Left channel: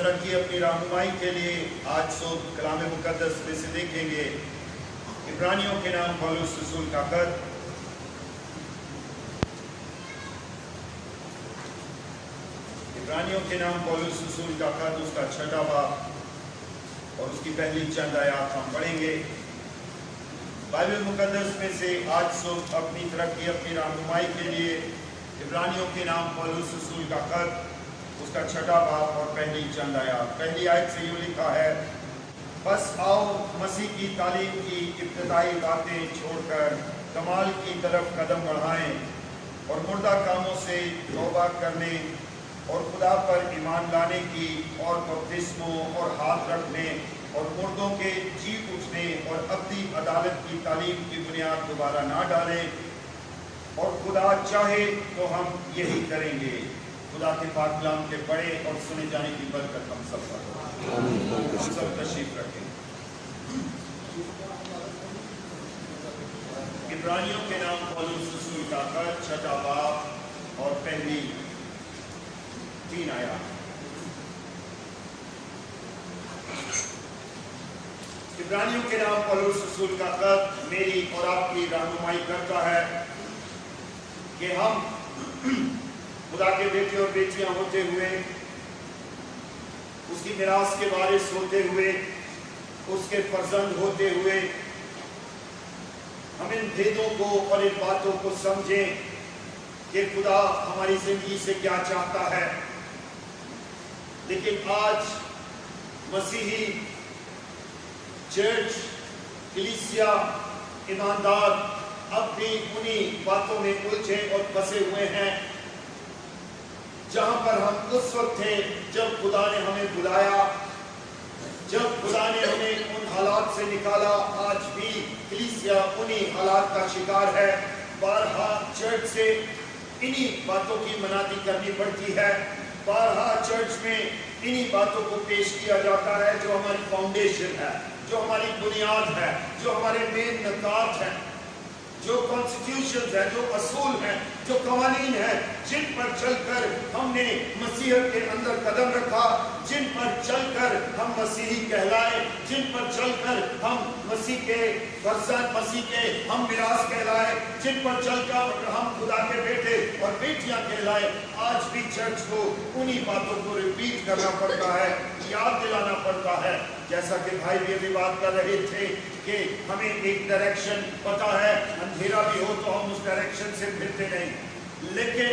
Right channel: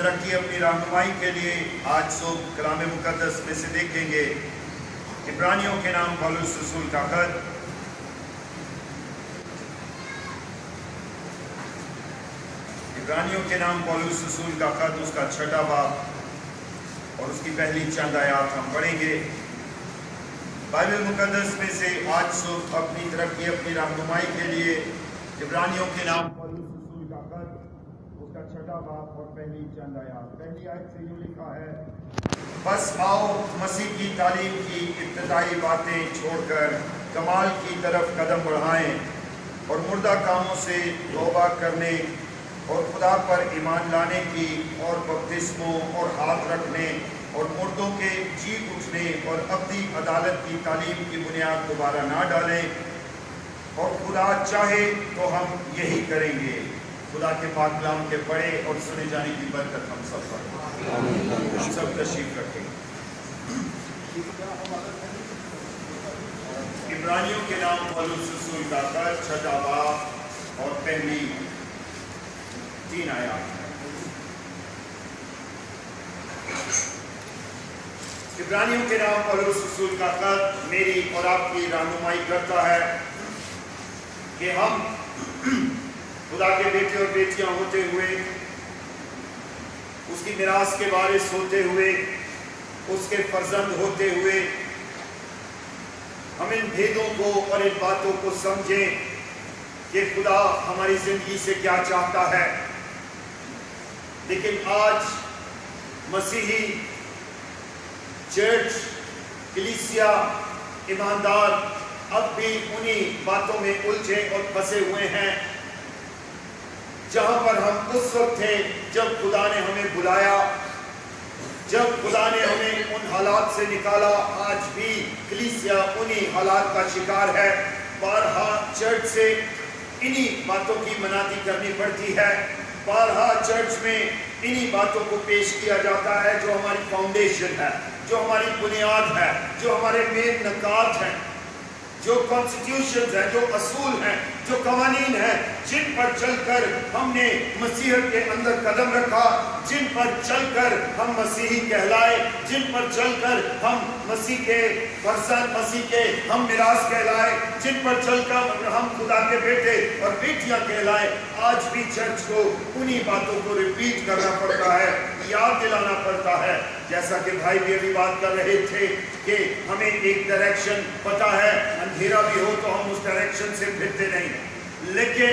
तरक्की अपनी रहनुमाई के लिए आज सुबह कलाम मुकद्दस में से देखेंगे। इब्रानियों के नाम पौलुस रसूल का खत, इब्रानियों के नाम पौलुस रसूल का खत, उसका 6वां बाब और उसकी पहली चंद आयत हम पढ़ेंगे। बाइबल मुकद्दस में से आज सुबह अपनी तरक्की अपनी रहनुमाई के लिए इब्रानियों के नाम पौलुस रसूल का खत, उसका 6वां बाब और पहली चंद आयत। पहली आयत से यूं लिखा है, बस आओ मसीह की तालीम की इब्तिदाई बातें छोड़कर कमाल की तरफ कदम बढ़ाएं और मुर्दा कामों से तौबा करने और खुदा पर ईमान लाने की और बपतिस्मों और हाथ रखने और मुर्दों के जी उठने और अब्दी अदालत की तालीम की बुनियाद दोबारा ना डालें, और खुदा चाहे तो हम यही करेंगे। खुदा के पाक कलाम के पढ़े और सुने जाने की बरकत हम सब पर, हम सब तशरीफ रखें। इब्रानियों के नाम पौलुस रसूल का खत, 6वां बाब और पहली 3 आयत। इब्रानियों के नाम पौलुस रसूल का खत मेरी और आपकी रहनुमाई करता है कि हम खुदा के बेटे और बेटियां होते हुए, उसकी मिरास के वारिस होते हुए, उसके फर्जंद होते हुए, हम इन भेदों को और इन बातों को समझें कि खुदा हमारी जिंदगी से क्या चाहता है। लेकिन आज मसीही चर्च, कलीसिया, ईमानदार अब भी उन्हीं बातों में उलझे और फंसे हुए हैं जहां पर हम उस वक्त थे जब खुदा ने हमें बुलाया, जब खुदा ने हमें उन हालात से निकाला। आज भी कलीसिया उन्हीं हालात का शिकार है। बारहा चर्च से इन्हीं बातों की मनादी करनी पड़ती है। बारहा चर्च में इन्हीं बातों को पेश किया जाता है जो हमारी फाउंडेशन है, जो हमारी बुनियाद है, जो हमारे मेन नकात हैं, जो कॉन्स्टिट्यूशन है, जो असूल हैं, जो कवानीन हैं, जिन पर चलकर हमने मसीहत के अंदर कदम रखा, जिन पर चलकर हम मसीही कहलाए, जिन पर चलकर हम मसीह के फर्जंद, मसीह के हम मिरास कहलाए, जिन पर चलकर हम खुदा के बेटे और बेटियां कहलाए। आज भी चर्च को उन्हीं बातों को रिपीट करना पड़ता है, याद दिलाना पड़ता है। जैसा कि भाई भी अभी बात कर रहे थे कि हमें एक डायरेक्शन पता है, अंधेरा भी हो तो हम उस डायरेक्शन से फिरते नहीं, लेकिन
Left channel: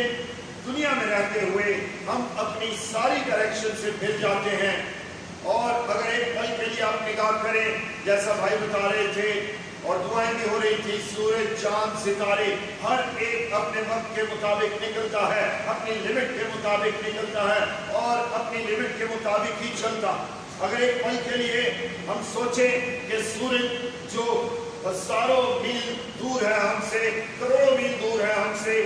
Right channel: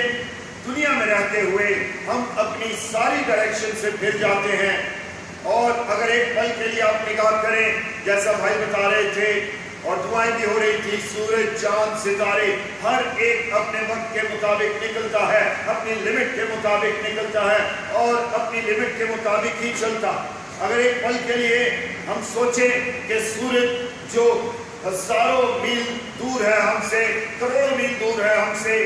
दुनिया में रहते हुए हम अपनी सारी डायरेक्शन से फिर जाते हैं। और अगर एक पल के लिए आप निगाह करें, जैसा भाई बता रहे थे और दुआएं भी हो रही थी, सूरज, चांद, सितारे हर एक अपने वक्त के मुताबिक निकलता है, अपनी लिमिट के मुताबिक निकलता है और अपनी लिमिट के मुताबिक ही चलता। अगर एक पल के लिए हम सोचें कि सूरज जो हजारों मील दूर है हमसे, करोड़ों मील दूर है हमसे,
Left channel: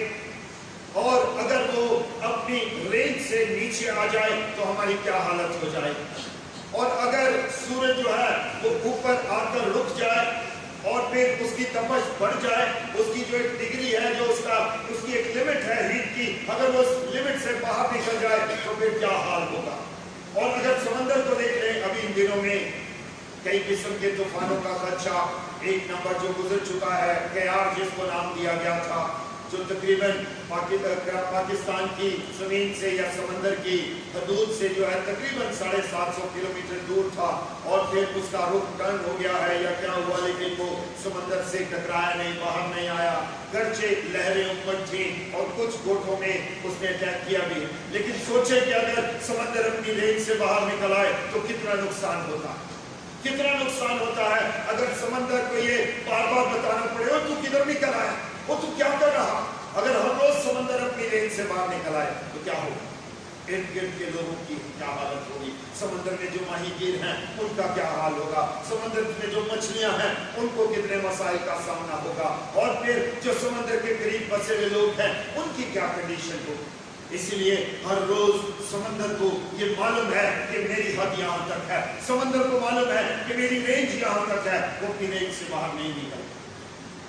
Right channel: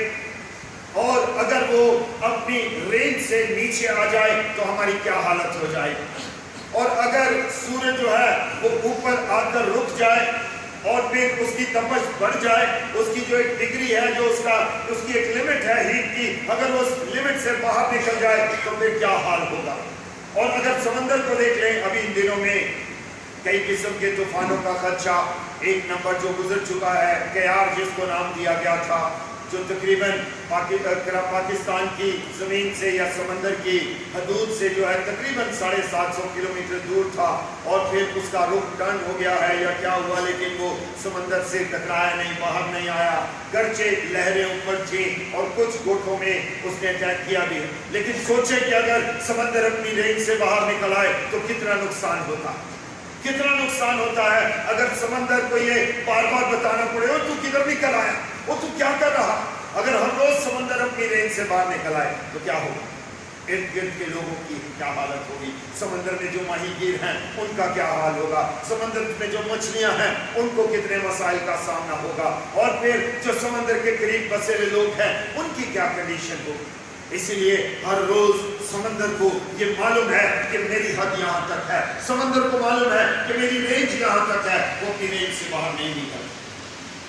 और अगर वो अपनी रेंज से नीचे आ जाए तो हमारी क्या हालत हो जाएगी। और अगर सूरज जो है वो ऊपर आकर रुक जाए और फिर उसकी तपश बढ़ जाए, उसकी जो एक डिग्री है, जो उसकी एक लिमिट है हीट की, अगर वो उस लिमिट से बाहर निकल जाए तो फिर क्या हाल होगा। और अगर समंदर को देख लें, अभी इन दिनों में कई किस्म के तूफानों का खदशा, एक नंबर जो गुजर चुका है केआर, जिसको नाम दिया गया था, जो तकरीबन पाकिस्तान की ज़मीन से या समंदर की हदूद से जो है तकरीबन 750 किलोमीटर दूर था, और फिर उसका रुख टर्न हो गया है या क्या हुआ, लेकिन वो समंदर से टकराया नहीं, बाहर नहीं आया, गर्चे लहरें ऊपर थी और कुछ गोठों में उसने अटैक किया भी। लेकिन सोचे कि अगर समंदर अपनी रेंज से बाहर निकल आए तो कितना नुकसान होता, कितना नुकसान होता है। अगर समंदर को ये बार बार बताना पड़े, वो तू किधर निकल आया, वो तू क्या कर रहा। अगर हर रोज समंदर अपनी रेंज से बाहर निकल आए तो क्या होगा, इर्द गिर्द के लोगों की क्या हालत होगी, समंदर में जो माहीगीर हैं उनका क्या हाल होगा, समंदर में जो मछलियां हैं उनको कितने मसाइल का सामना होगा, और फिर जो समंदर के करीब बसे हुए लोग हैं उनकी क्या कंडीशन होगी। इसलिए हर रोज समंदर को ये मालूम है कि मेरी हद यहाँ तक है, समंदर को मालूम है कि मेरी रेंज यहाँ तक है, वो अपनी रेंज से बाहर नहीं निकल।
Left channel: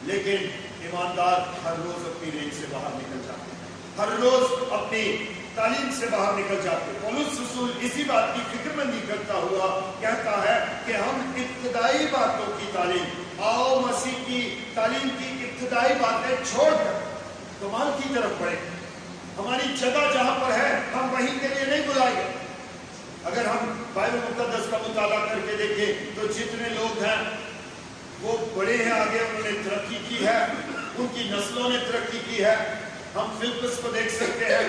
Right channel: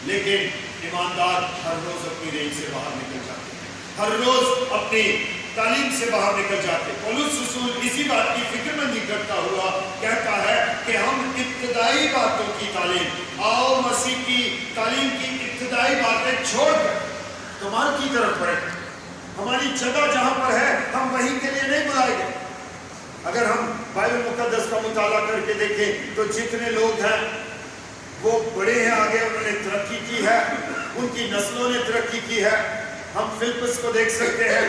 लेकिन ईमानदार हर रोज अपनी रेंज से बाहर निकल जाते हैं, हर रोज अपनी तालीम से बाहर निकल जाते। पौलुस रसूल इसी बात की फिक्रमंदी करता हुआ कहता है कि हम इब्तदाई बातों की तालीम, आओ मसीह की तालीम की इब्तदाई बातें छोड़कर कमाल की तरफ बढ़े। हमारी जगह जहां पर है हम वहीं के लिए नहीं बुलाए गए। अगर हम बाइबल मुकद्दस का मुताला करके देखें तो जितने लोग हैं वो बड़े हैं, आगे उन्होंने तरक्की की है, उनकी नस्लों ने तरक्की की है। हम फिलिप्पस को देख सकते हैं।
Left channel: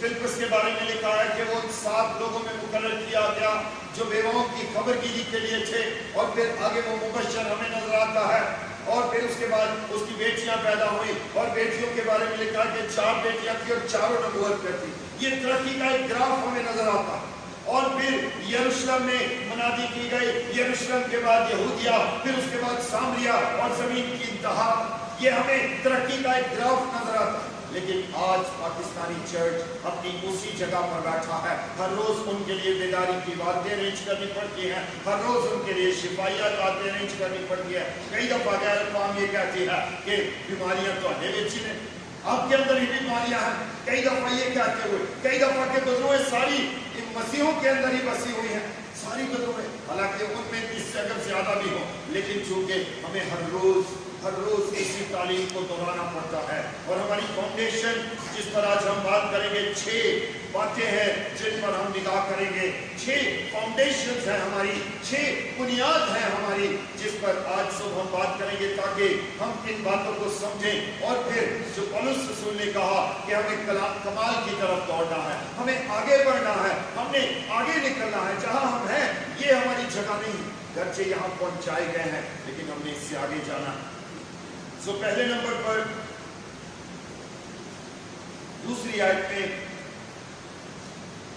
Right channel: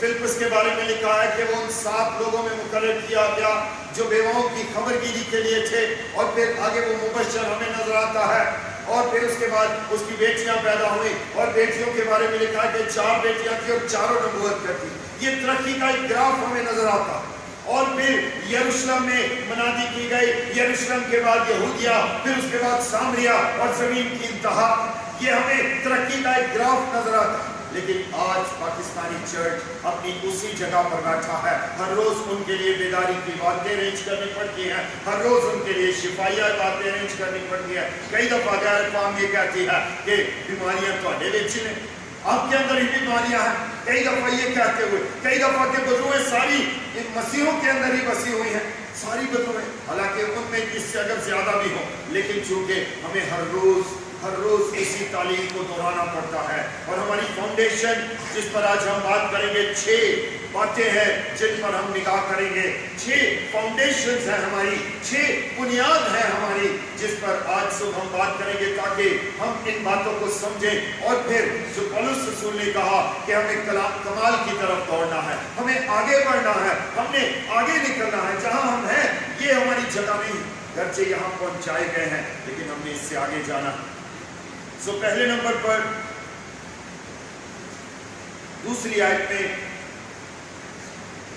फिलिप्पस के बारे में लिखा है कि वो 7 लोगों में मुकर्रर किया गया जो बेवाओं की खबरगिरी के लिए थे, और फिर आगे वो मुबश्शिर हमें नजर आता है। और फिर उसके बाद उसकी बेटियां पैदा हुई, और बेटियों के बारे में लिखा है कि 4 बेटियां थी और चारों नबूवत करती। ये तरक्की का एक ग्राफ हमें नजर आता है। और फिर यरूशलेम में मनादी की गई, यरूशलेम के बाद यहूदिया, फिर उसके बाद सामरिया और जमीन की इंतहा। ये हमें तरक्की का एक ग्राफ नजर आता है। लेकिन आज पाकिस्तानी चर्च अपनी उसी जगह पर बैठा है। हर रोज उनके लिए बेदारी की बातें अरेंज करनी पड़ती हैं, हर रोज उनके लिए शिफाया बातें अरेंज करनी पड़ती है। कई दफा गैर कौम ये कहती है कि बीमारियां तो बेच लें, आपके अंदर ही बीमारियां हैं। कई दफा ये कहते हुए, कई दफा के बदुएं सारी इन मसीहों के अंदर ही बसी हुई हैं, सारी बदुएं, हालांकि उनमें इससे अगर ज्यादा भी हो, लेकिन चूंकि हमें हर रोज इसी तालीम को दोहराना पड़ता है। और हमारी फाउंडेशन जिस पर आज हम बात करेंगे, 6 बातें हैं जिन पर हम निगाह करेंगे। 6 फाउंडेशंस हैं हमारी, 6 बुनियाद है हमारी, जिस पर आज सुबह हम बात करेंगे, ताकि हम इन बातों को समझें। और फिर जो पौलुस रसूल ने कहा कि हमें कमाल की तरफ दौड़ना है, हमें आगे बढ़ना है, हमने आगे निकलना है। जहां हम हैं ये हमारी जगह नहीं, गर्चे यहाँ पहुंचाए गए हैं, लेकिन हमने इससे आगे जाना। सो पहले नंबर पर दूसरी आयत में,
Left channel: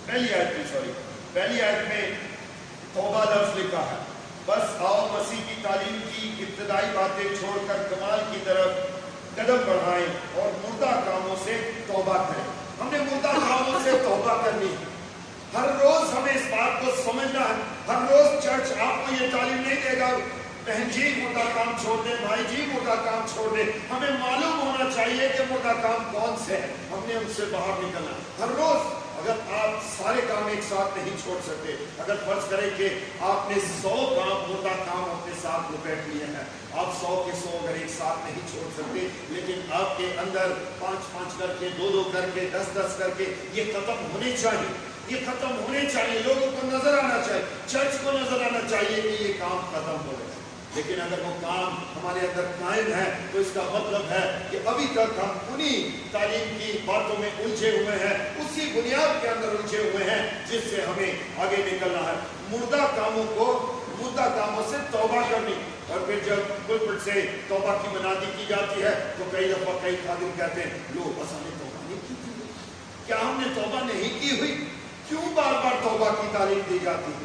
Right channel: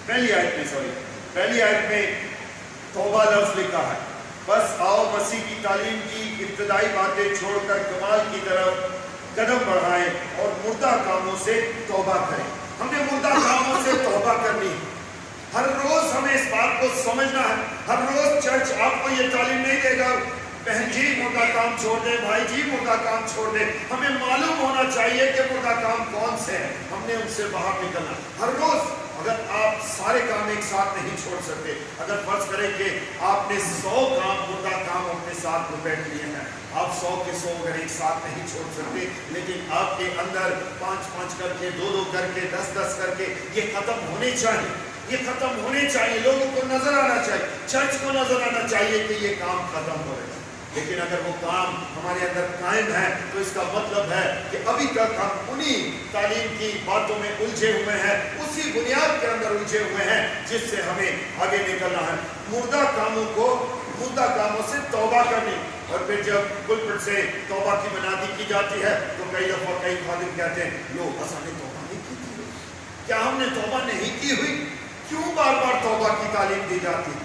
पहली आयत में तौबा लफ्ज लिखा है। बस आओ मसीह की तालीम की इब्तदाई बातें छोड़कर कमाल की तरफ कदम बढ़ाएं और मुर्दा कामों से तौबा करें। हमने मुर्दा कामों से तौबा करनी है। हर रोज हमें इस बात को समझना है। हर रोज चर्च आपको ये तालीम नहीं देगा, बहन जी मुर्दा काम छोड़ दें, भाई जी मुर्दा काम छोड़ दें। हमें मालूम होना चाहिए कि मुर्दा काम कौन से हैं, हमने उनसे बाहर निकलना। हर रोज अगर आप सारे काम एक साथ नहीं छोड़ सकते, अगर फर्ज करें कि आपने 100 काम मुर्दा काम अपने साथ लपेट लिए हैं, आप 100 के 100 अगर एक साथ नहीं छोड़ सकते, लेकिन आपके अंदर 5-5 करके, 2-2 करके, 10-10 करके ये खत्म होने चाहिए। ये खत्म होने चाहिए, लोगों को नजर आना चाहिए, चर्च को नजर आना चाहिए कि ये काम खत्म हो रहा है। लेकिन अगर वो काम हमारे अंदर कायम है तो इसका मतलब है कि अभी तक हम उन्हीं तालीम की बातों में उलझे हुए हैं, उसी बुनियाद के अंदर उलझे हुए हैं जिससे हमें आगे निकलना है। मुर्दा कामों से तौबा करनी। और फिर जब पुलपिट से तौबा की मनादी की जाती है तो कई दफा कई खादिम कहते हैं, लो बस हमने तौबा नहीं की थी। क्या हमने तौबा नहीं की हुई? क्यों बार बार तौबा की तालीम दी जाती है?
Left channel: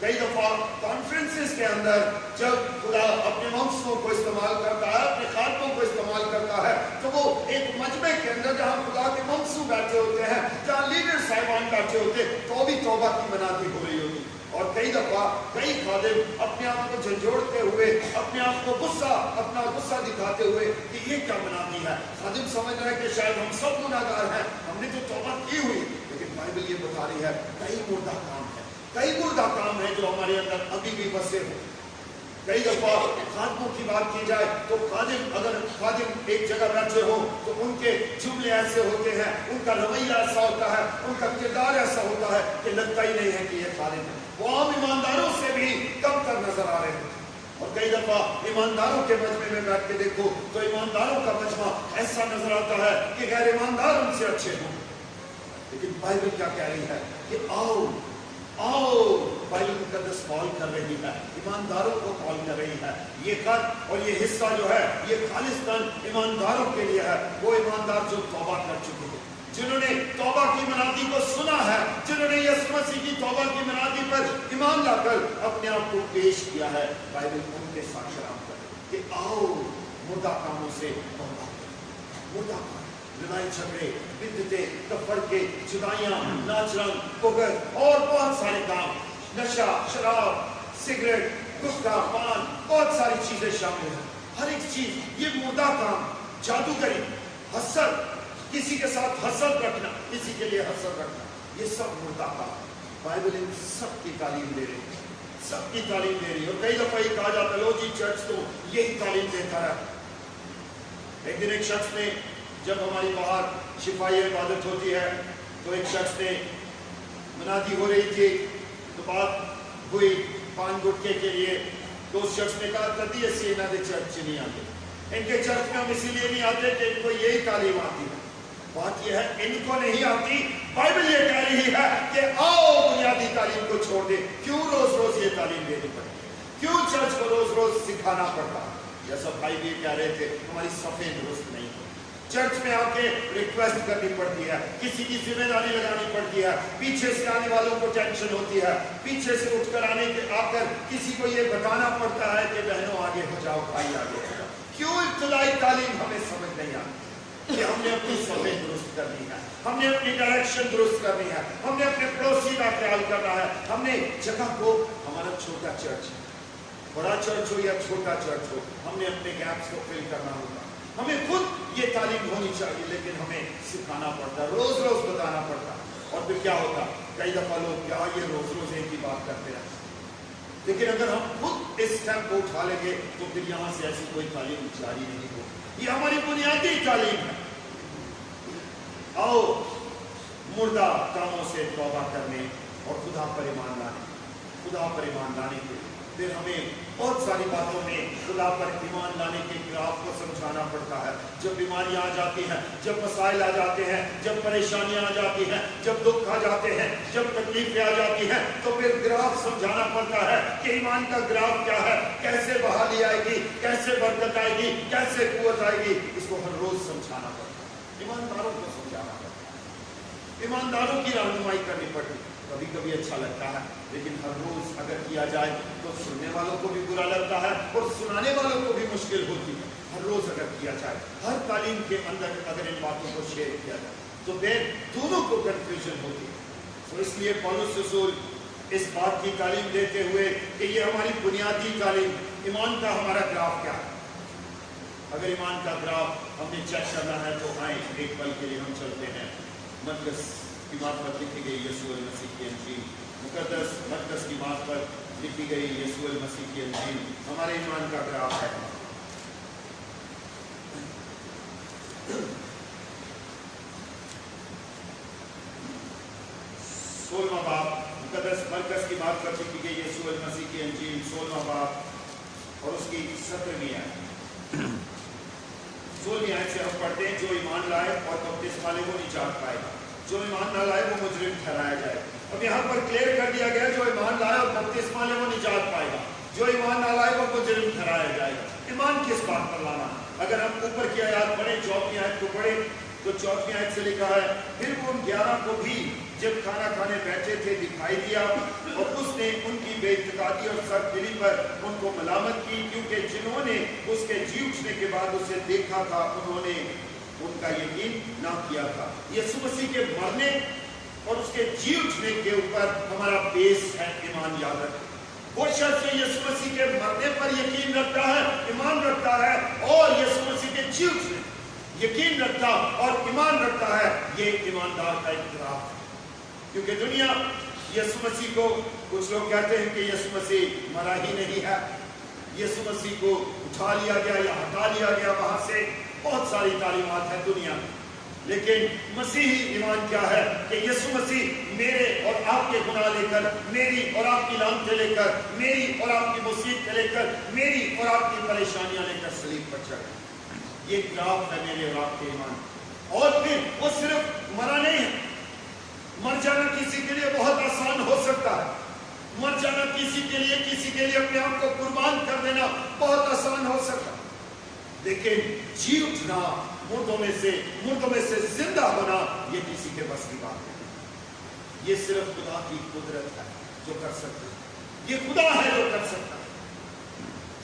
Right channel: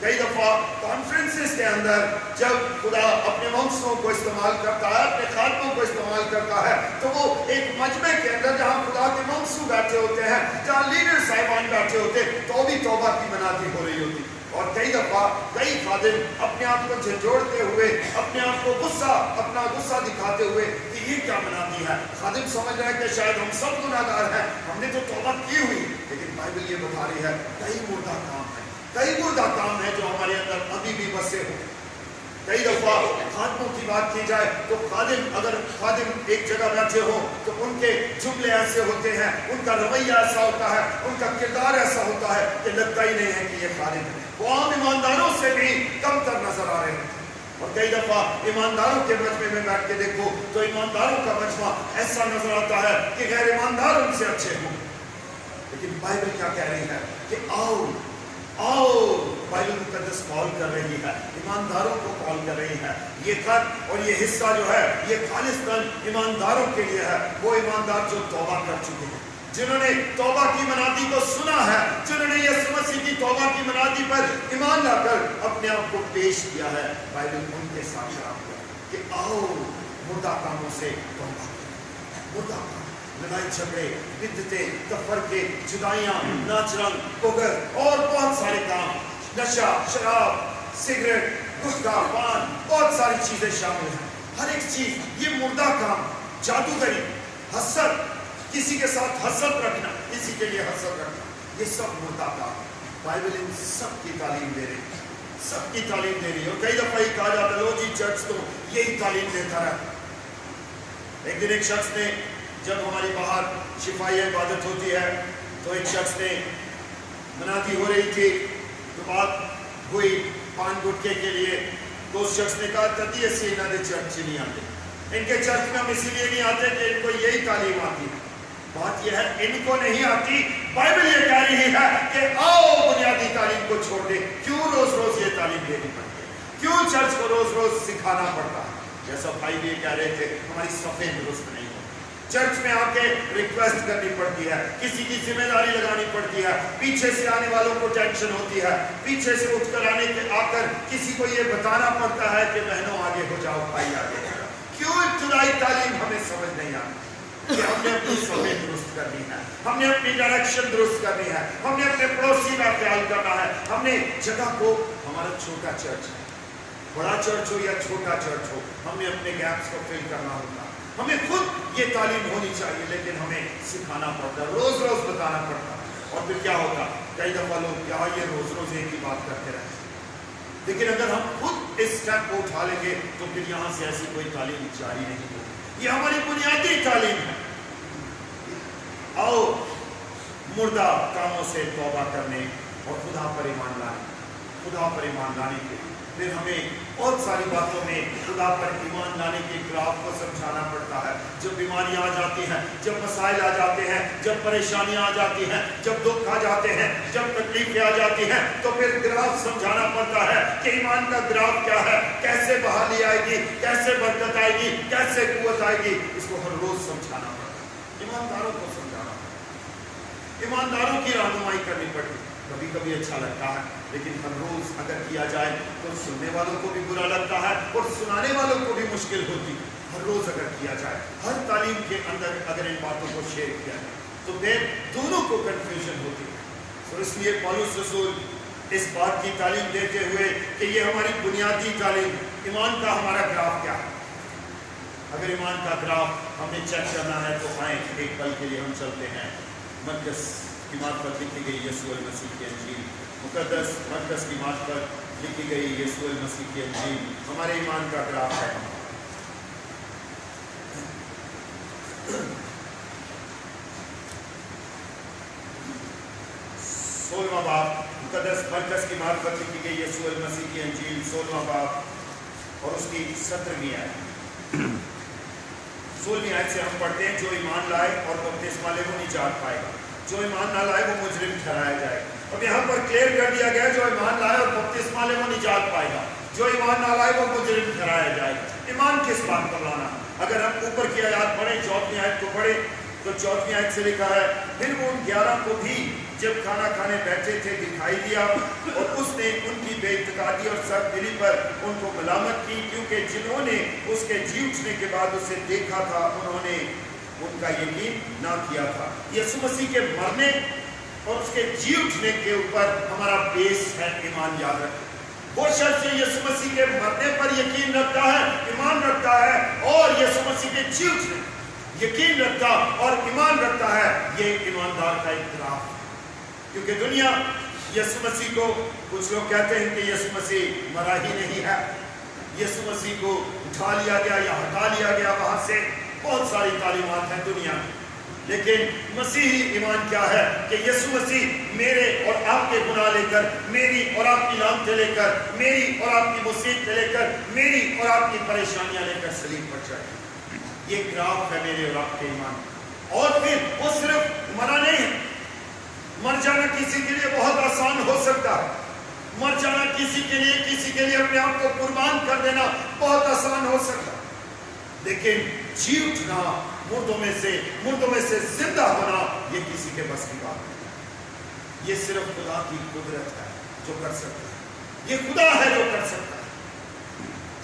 कई दफा कॉन्फ्रेंसेस के अंदर जब खुदा अपने मंसूबों को इस्तेमाल करता है, अपने खातों को इस्तेमाल करता है, तो वो एक मजमे के अंदर जहाँ खुदा के मंसूब बैठे होते हैं, जहाँ लीडर साहिबान बैठे होते हैं, तो भी तौबा की मनादी हो रही होती। और कई दफा कई खादिम अपने आप को झंझोड़ते हुए, अपने आप को अपना गुस्सा दिखाते हुए कि ये क्या मनादी है। खादिम समझ रहे हैं कि शायद हम सब गुनाहगार हैं, हमने तो तौबा की हुई, लेकिन बाइबल ये बता रही है कई मुर्दा काम है, कई मुर्दा काम है जो हमारे अंदर अभी भी बसे हो। कई दफा खादिमों की बात की जाए तो अगर खादिम एक जगह बैठे हो तो उनके जुमले ऐसे होते हैं, उनका रवैया ऐसा होता है, उनका किरदार ऐसा होता है कि लगता ही नहीं है कि ये खादिम है। वो आम ईमानदारों से भी कम तर नजर आ रहे हैं। और कई दफा ईमानदारों के मजमे में बैठ के देखो तो ईमानदारों का मजमा ऐसा नजर आता है कि गैर ईमानदार उनसे अच्छे हों। लेकिन बाइबल क्या कह रही है कि आओ, बाइबल मुकद्दस कॉल कर रही है, ईमानदारों को कॉल कर रही है। ये खत और ये हिस्सा जो है ये खालिस्तान ईमानदारों के लिए है। वो ईमानदार जो तौबा कर चुके हैं, जिन्होंने तौबा की मनादी को सुना है, जिन्होंने यीशु मसीह की तौबा की मनादी पर ईमान लाकर अपने आप को पेश किया है। बाइबल उनके साथ काम करे कि आओ मुर्दा कामों से तौबा, मुर्दा काम, लड़ाई झगड़े, बिद्दतें, तफरके, जुदाइयां, नाचरंग, पुगर और बहुत सारे काम, नशा, शराब, सिगरेट, गुटखा, पान, बहुत सारी चीजें शामिल हैं। हर एक चीज ये मुर्दा काम, जादूगरी, हसद, किसी के साथ हसद रखना, किसी के लिए हसद रखना, ये सब मुर्दा का। बाइबल इन सब की तालीम दे रही है, सबकी तालीम दे रही है। और कई दफा ये कहा जाता है लो जी चर्च तो यही तालीम देता रहा। एक दिन एक शख्स ने, जब हमारी बाहर शिफाई इबादत होती है तो एक शख्स ने मनादी हो रही थी तो बात हुई पान गुटके के लिए, तो उस शख्स ने कहा तदी ऐसे इन्होंने चर्च नहीं आते, इनके चर्च में हम इसीलिए नहीं आते कि इनको यही तालीम आती है। बात यह है इनको नहीं आती, बाइबल ये कह रही है कि आओ बुनियादी तालीम को छोड़ दे। क्यों रोज रोज ये तालीम देनी पड़ती है, क्यों चर्च को रोज रोज सिखाना पड़ता? जैसा भाई भी कह रहे थे हमारी सफेद दुरुस्त नहीं होती, चर्च में आके रिक्वेस्ट करनी पड़ती है, किसी की जिम्मेदारी लगानी पड़ती है, पीछे से आने वालों को टेंशन होती है, पीछे से उठकर आने के आकर किसी को ये बताना पड़ता है कि बहनों आगे हो जाओ, भाई आगे हो जाओ। क्यों इब्तदाई तालीम हमें समझ नहीं आती कि हमने अपनी सफेद दुरुस्त करनी है, हमने अपनी डायरेक्शन दुरुस्त करनी है, हमने अपने पड़ोसी का ख्याल करना है, हमने जगह को, हमारा छोटा चर्च है, बड़ा चर्च हो या छोटा चर्च हो, हमने अपने गैप्स को फिल करना होगा। हमें खुद ये तालीम होनी चाहिए, लेकिन हमें सिखाना पड़ता, रोज रोज बताना पड़ता। और फिर क्या होता, कई दफा लोग क्या ये रोज रोज एक ही बात करते रहते, लेकिन अगर हम खुद इस स्टेप को उठा लेंगे तो फिर यहाँ से ऐसी कोई तालीम जारी नहीं होगी। ये हमारी बुनियादी तालीम है। आओ मुर्दा कामों से तौबा करने और खुदा पर ईमान लाने, खुदा पर ईमान लाने के लिए फिर हमें बहुत सारी बातों में खुदा पर ईमान लाने के खिलाफ को समझाना पड़ता है। जब बीमारियां आ जाती हैं, जब मसाइल आ जाते हैं, जब परेशानियां आ जाती हैं, जब दुख आ जाते हैं, जब तकलीफें आ जाती हैं, तो फिर ग्राफ समझाना पड़ता है कि ईमान का ग्राफ क्या है, कैसे बहाली आएगी, कैसे बरकत आएगी, कैसे कुव्वत आएगी। इसको हर रोज समझाना पड़ता है, ईमानदारों को समझाना पड़ता है, ईमानदारों की रहनुमाई करनी पड़ती है। कभी कभी अच्छा लगता है, लेकिन हर रोज अगर किया जाए तो सुनने वालों को भी बुरा लगता है और सुनाने वालों को भी मुश्किल होती है। हर रोज अगर किया जाए, हर तालीम के अंदर अगर इन बातों को शेयर किया जाए तो फिर दोनों को कंफ्यूजन होती है। तो इसलिए पौलुस रसूल इस बात की तालीम देते हुए कि ये हमारी बुनियादी तालीम, ईमान का हमारा ग्राफ क्या है। अगर ईमान का ग्राफ हमने चेक करना है तो आए एक पल के लिए हम चलते हैं मरकस की मार्फत लिखी गई यीशु मसीह की अंजील, मुकद्दस मरकस की मार्फत लिखी गई यीशु मसीह की अंजील हमारे ईमान का ग्राफ है। 16वां बाब, मुकद्दस मरकस की मार्फत लिखी गई यीशु मसीह की अंजील 16वां बाब और उसकी 17वीं आयत। 16वीं आयत से हम पढ़ते हैं, जो ईमान लाए और बपतिस्मा ले वो निजात पाएगा, जो ईमान ना लाए वो मुजरिम ठहराया जाएगा। अब यहाँ पर क्लियर कर दिया गया, जो ईमान लाए और बपतिस्मा ले वो निजात पाएगा, जो ईमान ना लाए वो मुजरिम ठहराया जाएगा। ईमान किस बात पर लाना? अगर हम ऊपर की आयत पढ़ें, 14वीं आयत को पढ़ें तो 14वीं आयत से लिखा है, फिर वो उन 11 को भी जब खाना खाने बैठे थे दिखाई दिया और उसने उनकी बेइत्तेकादी और सख्तदिली पर उनको मलामत की, क्योंकि जिन्होंने उसके जी उठने के बाद उसे देखा था उन्होंने उनका यकीन ना किया था। यीशु मसीह के मरने और उसके जी उठने के ऊपर हमारा बेस है ईमान। याद रखें, वो शख्स जो यीशु मसीह के मरने पर यकीन रखता है, ईमान रखता है और यीशु मसीह के जी उठने यकीन रखता और ईमान रखता है, ये ईमानदार का एक ग्राफ है। क्योंकि दुनिया यीशु मसीह को, कुछ लोग कहते हैं कि यीशु मसीह मरा ही नहीं है, यीशु मसीह को उठा लिया गया या हटा लिया गया वहां से। बहुत सारी तालीमात हैं दुनिया में, लेकिन मसीही ईमान क्या है कि यीशु मसीह मेरे और आपके गुनाह लेकर, मेरी और आपकी लानतें लेकर, मेरी और आपकी मुसीबतें लेकर, मेरी और आपकी परेशानियां लेकर सलीब पर चढ़े। ये ग्राफ है मेरे और आपके ईमान। और फिर वो सिर्फ मरा नहीं है, मर जाना किसी के लिए बहुत आसान हो सकता है, मर जाना किसी के लिए अपने आप को कुर्बान कर देना बहुत आसान हो सकता है, लेकिन जी उठना, मुर्दों में से जिंदा होना, ये किसी के बस की बात नहीं। ये सिर्फ खुदा की कुदरत है जो कर सकती है, ये खुदा है जो कर सकता है।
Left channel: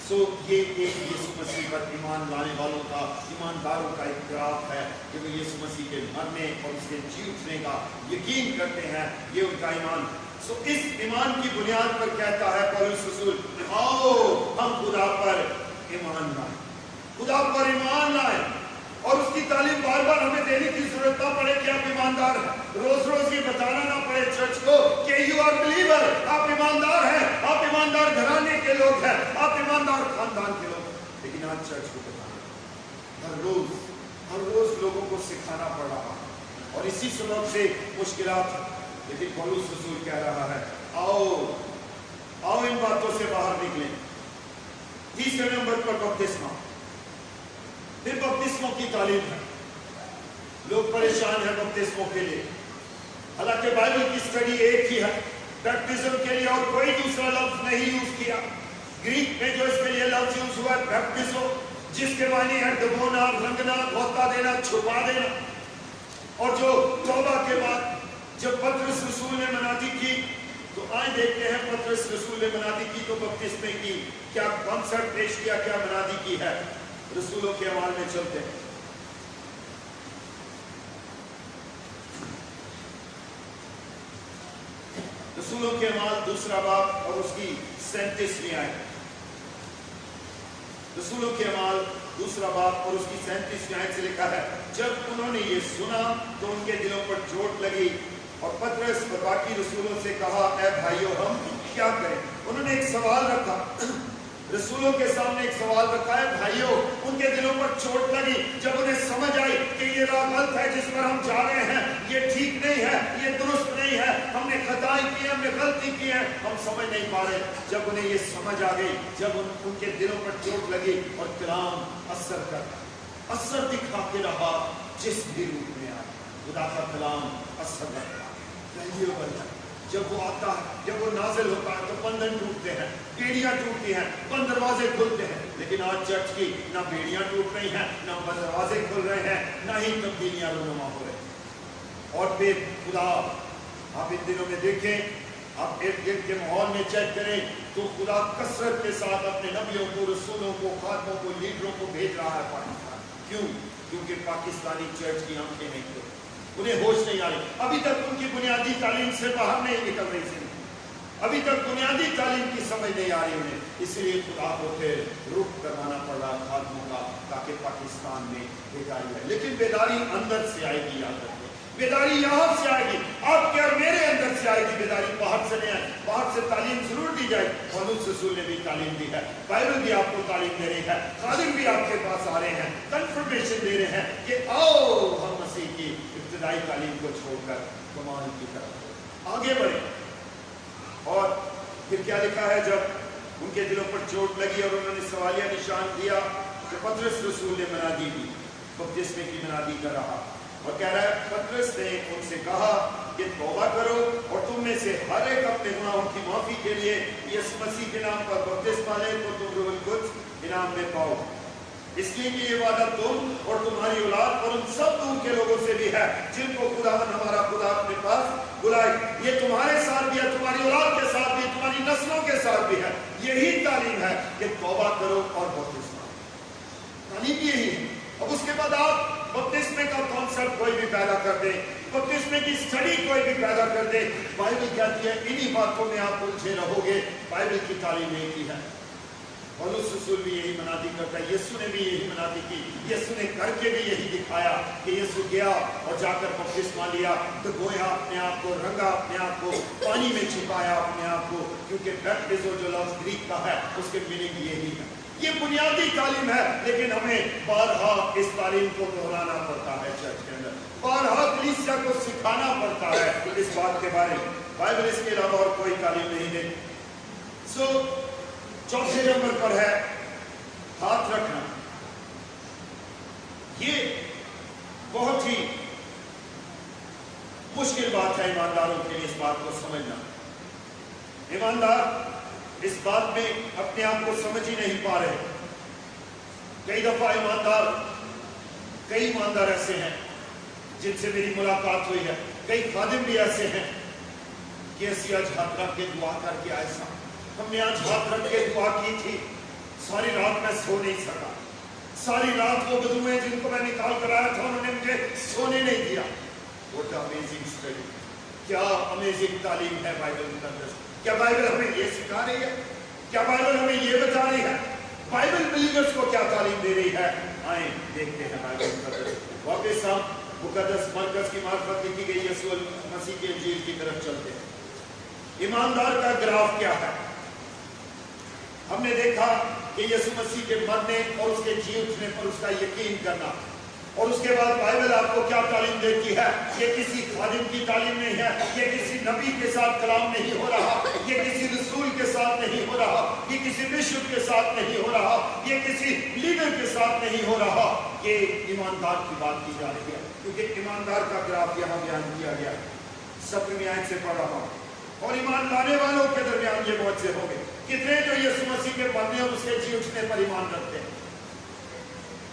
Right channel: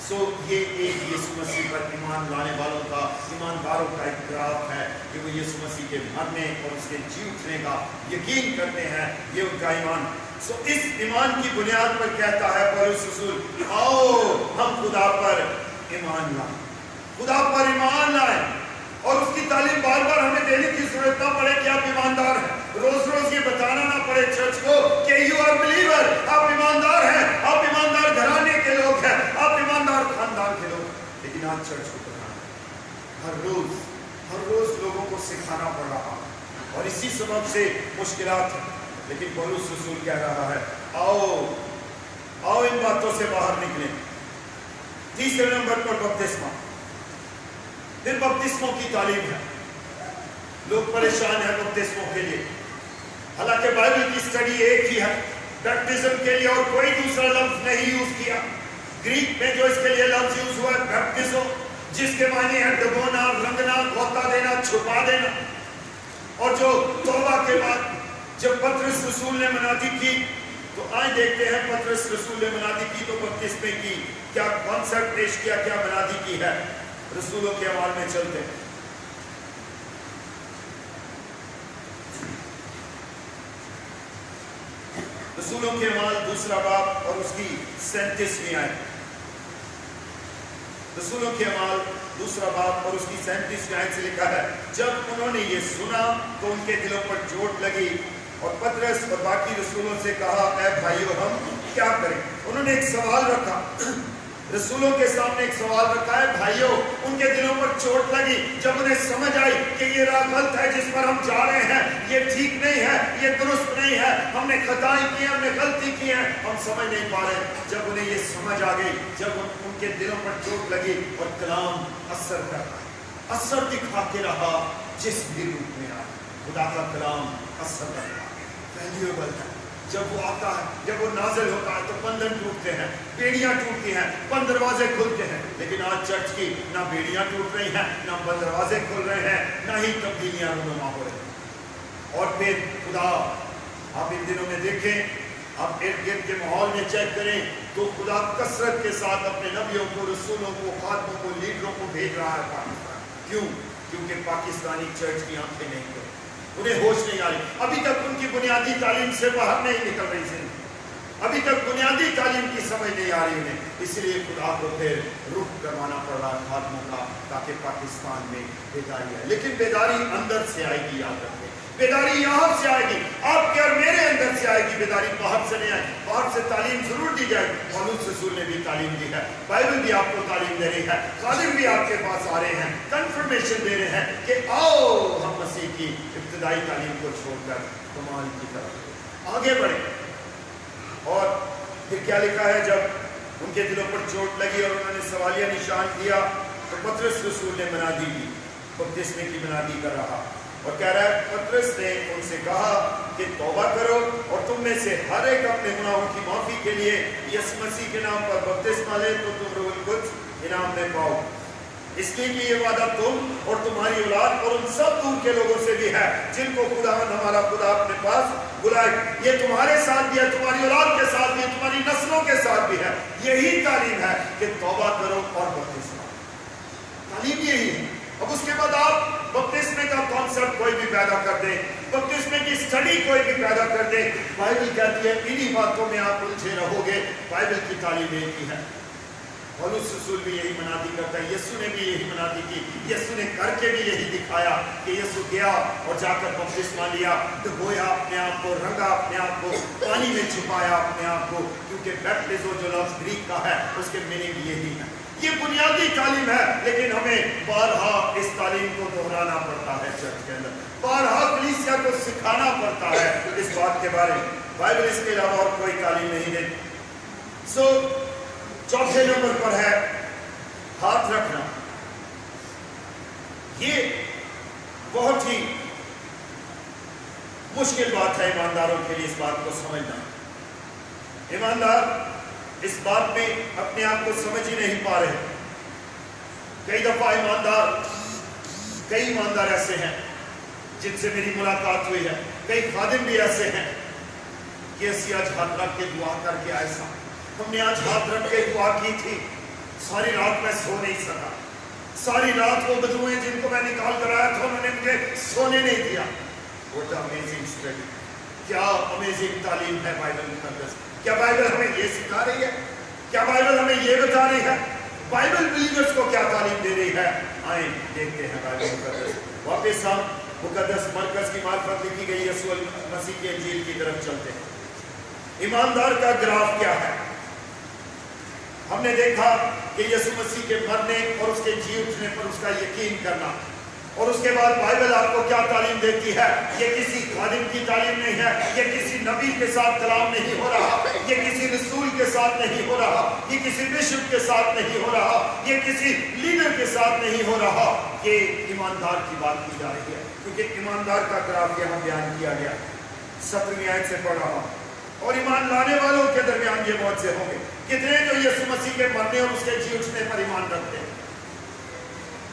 सो ये एक यीशु मसीह पर ईमान लाने वालों का, ईमानदारों का एक ग्राफ है कि वो यीशु मसीह के मरने और उसके जी उठने का यकीन करते हैं, ये उनका ईमान। सो इस ईमान की बुनियाद पर कहता है पौलुस रसूल, आओ हम खुदा पर ईमान लाएं, खुदा पर ईमान लाएं। और उसकी तालीम बार बार हमें देने की जरूरत ना पड़े कि आप ईमानदार हैं, रोज रोज ये बताना ना पड़े चर्च को कि यू आर बिलीवर, आप ईमानदार हैं, आप ईमानदार घराने के लोग हैं, आप ईमानदार खानदान के लोग हैं। लेकिन आज चर्च को बताना हर रोज लोगों को सिखाना पड़ रहा और इसी सबब से मुश्किलात है। लेकिन पौलुस रसूल कह रहा है आओ इन बातों से बाहर निकलें। तीसरे नंबर पर बपतिस्मा, फिर बपतिस्मों की तालीम है। लोग परेशान हैं बपतिस्मों के लिए, हालांकि बाइबल की स्टडी एक ही है बैप्टिज्म के लिए और कोई दूसरा लफ्ज नहीं यूज किया। ग्रीक में जो इसके लिए लफ्ज यूज हुआ है बैप्टिज्म, जिसके मायने है डुबोना, रंगना, गोता देना, छुपा देना। और जो तौबा के बाद जब पतरस रसूल ने मनादी की, तो आए देखते हैं पतरस रसूल ने मनादी की तो बपतिस्मे की क्या कॉन्सेप्ट पेश किया, क्या मनादी की है। रसूलों के अमाल में चलते हैं। रसूलों के अमाल दूसरा बाब और उसकी 37वीं आयत। रसूलों के अमाल दूसरा बाब और उसकी 37वीं आयत से लिखा है, जब उन्होंने ये सुना तो उनके दिलों पर चोट लगी और पतरस और बाकी रसूलों से कहा, ऐ भाइयों हम क्या करें। उन्होंने एक सवाल रखा, रसूलों के सामने एक सवाल रखा है भाइयों। उनके दिलों पर चोट लगी जब उन्हें समझ आई कि ये राह गलत है, जिस पर हम जा रहे हैं ये ठीक नहीं है, ये दुरुस्त नहीं है, हमने खताएं की, हमने गलती की है, हम समझ नहीं पा रहे। जब उन्हें ये समझ आ गई, जब उनके दिलों पर चोट लगी और कलाम असर दिखा के रहा जिस भी रूप में आया, खुदा का कलाम असर रखा। जब वो आता है, जब वो नाजिल होता है तो बंधन टूटते हैं, बेड़ियां टूटती हैं, बंद दरवाजे खुलते हैं। लेकिन आज चर्च की ना बेड़ियां टूट रही हैं, ना बंद दरवाजे खुल रहे हैं, ना ही तब्दीलियां रूनुमा हो रही हैं। और फिर खुदा, आप इन दिनों में देखें, आप इर्द गिर्द के माहौल में चेक करें तो खुदा कसरत के साथ अपने नबियों को, रसूलों को, खादमों को, लीडरों को भेज रहा है पाकिस्तान। क्यों? क्योंकि पाकिस्तानी चर्च की आंखें नहीं खुली, उन्हें होश नहीं आ रही, अभी तक उनकी बुनियादी तालीम से बाहर नहीं निकल रही थी, अभी तक बुनियादी तालीम की समझ नहीं आ रही उन्हें। इसलिए खुदा को फिर रुख करवाना पड़ रहा खादमों का, ताकि पाकिस्तान में बेदारी आए। लेकिन बेदारी अंदर से आएगी, याद रखें, बेदारी यहाँ से आएगी, आपके और मेरे अंदर से आएगी, बेदारी बाहर से नहीं आएगी। बाहर से तालीम जरूर दी जाएगी, पौलुस रसूल ने भी तालीम दी है, बाइबल भी आपको तालीम दे रही है, खादिम भी आपके पास आ रहे हैं, कंफर्मेशन दे रहे हैं कि आओ हम मसीह की इब्तिदाई तालीम को छोड़कर कमाल की तरफ आगे बढ़े। और फिर क्या लिखा है, जब उनके दिलों पर चोट लगी और उन्होंने सवालिया निशान दिया तो पतरस रसूल ने मनादी की, बपतिस्मे की मनादी कर रहा और कह रहा है, पतरस ने उनसे कहा कि तौबा करो और तुम में से हर एक अपने गुनाहों की माफी के लिए यीशु मसीह के नाम पर बपतिस्मा ले तो तुम रूहुल कुद्स इनाम में पाओ। इसलिए कि ये वादा तुम और तुम्हारी औलाद और उन सब दूर के लोगों से भी है जिनको खुदावंद हमारा खुदा अपने पास बुलाए। ये तुम्हारे साथ भी है, तुम्हारी औलाद के साथ भी है, तुम्हारी नस्लों के साथ भी है। यही तालीम है कि तौबा करो और बपतिस्मा, तालीम यही है। अब उसके बाद आप बपतिस्मे का कॉन्सेप्ट कोई भी पैदा कर दे, बपतिस्मे की स्टडी कोई भी पैदा कर दे, बाइबल कहती है इन्हीं बातों में आप उलझे रहोगे। बाइबल की तालीम एक ही है। पौलुस रसूल भी यही मनादी करता है, यीशु ने भी यही मनादी की, यीशु ने करके भी यही दिखाया कि यीशु गया और जाकर बपतिस्मा लिया, डुबोया अपने आप को, रंगा अपने आप को, पानी में छिपाया अपने आप को, क्योंकि बैप्टिज्म जो लफ्ज ग्रीक का है उसके मीनिंग यही है। ये बुनियादी तालीम है, लेकिन हमें बारहा इस तालीम को दोहराना पड़ता है चर्च के अंदर, बारहा कलीसिया को सिखाना पड़ता है इस बात के बारे में। बाइबल इसके अलावा और कोई तालीम नहीं देती। चौथे नंबर पर है हाथ रखना। ये बहुत ही मुश्किल बात है ईमानदारों के लिए इस बात को समझना। ईमानदार इस बात में अपने आप को समझ ही नहीं पा रहे। कई दफा कई ईमानदार ऐसे हैं जिनसे मेरी मुलाकात हुई है, कई खादिम भी ऐसे हैं कि ऐसी आज हाथ रख के दुआ करके ऐसा हमने आज हाथ रख के दुआ की थी, सारी रात मैं सो नहीं सका, सारी रात वो बदुए जिनको मैं निकाल कर आया था उन्होंने मुझे सोने नहीं दिया। What amazing study, क्या अमेजिंग तालीम है बाइबल मुकद्दस। क्या बाइबल हमें ये सिखा रही है? क्या बाइबल हमें ये बता रही है? बाइबल बिलीवर्स को क्या तालीम दे रही है? आए देखते हैं बाइबल मुकद्दस। वापस हम मुकद्दस मरकज की मार्फत लिखी गई यीशु मसीह के इंजील की तरफ चलते हैं। ईमानदार का ग्राफ क्या है? हमने देखा कि यीशु मसीह के मरने और उसके जी उठने पर उसका यकीन करना, और उसके बाद बाइबल आपको क्या तालीम देती है? ये किसी खादिम की तालीम नहीं है, ये किसी नबी के साथ कलाम नहीं हो रहा, ये किसी रसूल के साथ नहीं हो रहा, ये किसी बिशप के साथ नहीं हो रहा, ये किसी लीडर के साथ नहीं हो रहा, ये ईमानदार की बात की जा रही है। क्योंकि ईमानदार का ग्राफ यहाँ बयान किया गया। 17वीं आयत से पढ़ रहा हूँ, और ईमान लाने वालों के दरमियान ये मौजज़े होंगे। कितने जो यीशु मसीह के मरने और उसके जी उठने पर ईमान रखते हैं?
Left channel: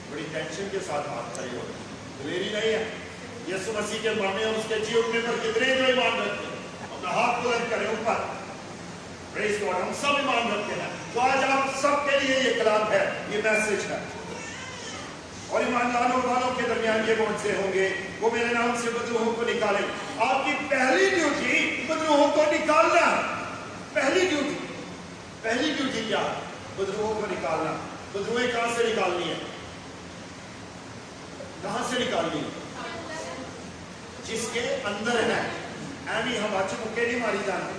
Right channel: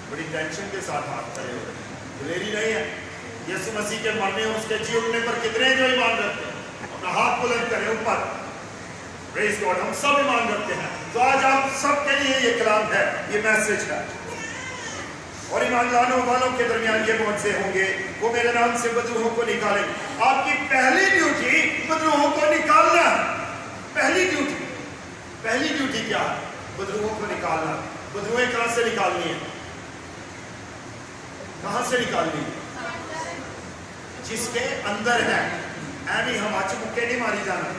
बड़ी टेंशन के साथ हाथ खड़े हो रहे हैं, दिलेरी नहीं है। यीशु मसीह के मरने और उसके जी उठने पर कितने जो ईमान रखते हैं? अपना हाथ बुलंद करें ऊपर। प्रेज़ गॉड, हम सब ईमान रखते हैं। तो आज आप सबके लिए ये कलाम है, ये मैसेज है। और ईमान लाने वालों के दरमियान ये मौजज़े होंगे, वो मेरे नाम से बदरूहों को निकालेंगे। आपकी पहली ड्यूटी बदरूहों को निकालना। पहली ड्यूटी क्या है? बदरूहों को निकालना। बदरूहें कहां से निकालनी है? कहां से निकालनी है? जिसके अंदर है। ऐनी हम आज मुक्के नहीं मारी जाना।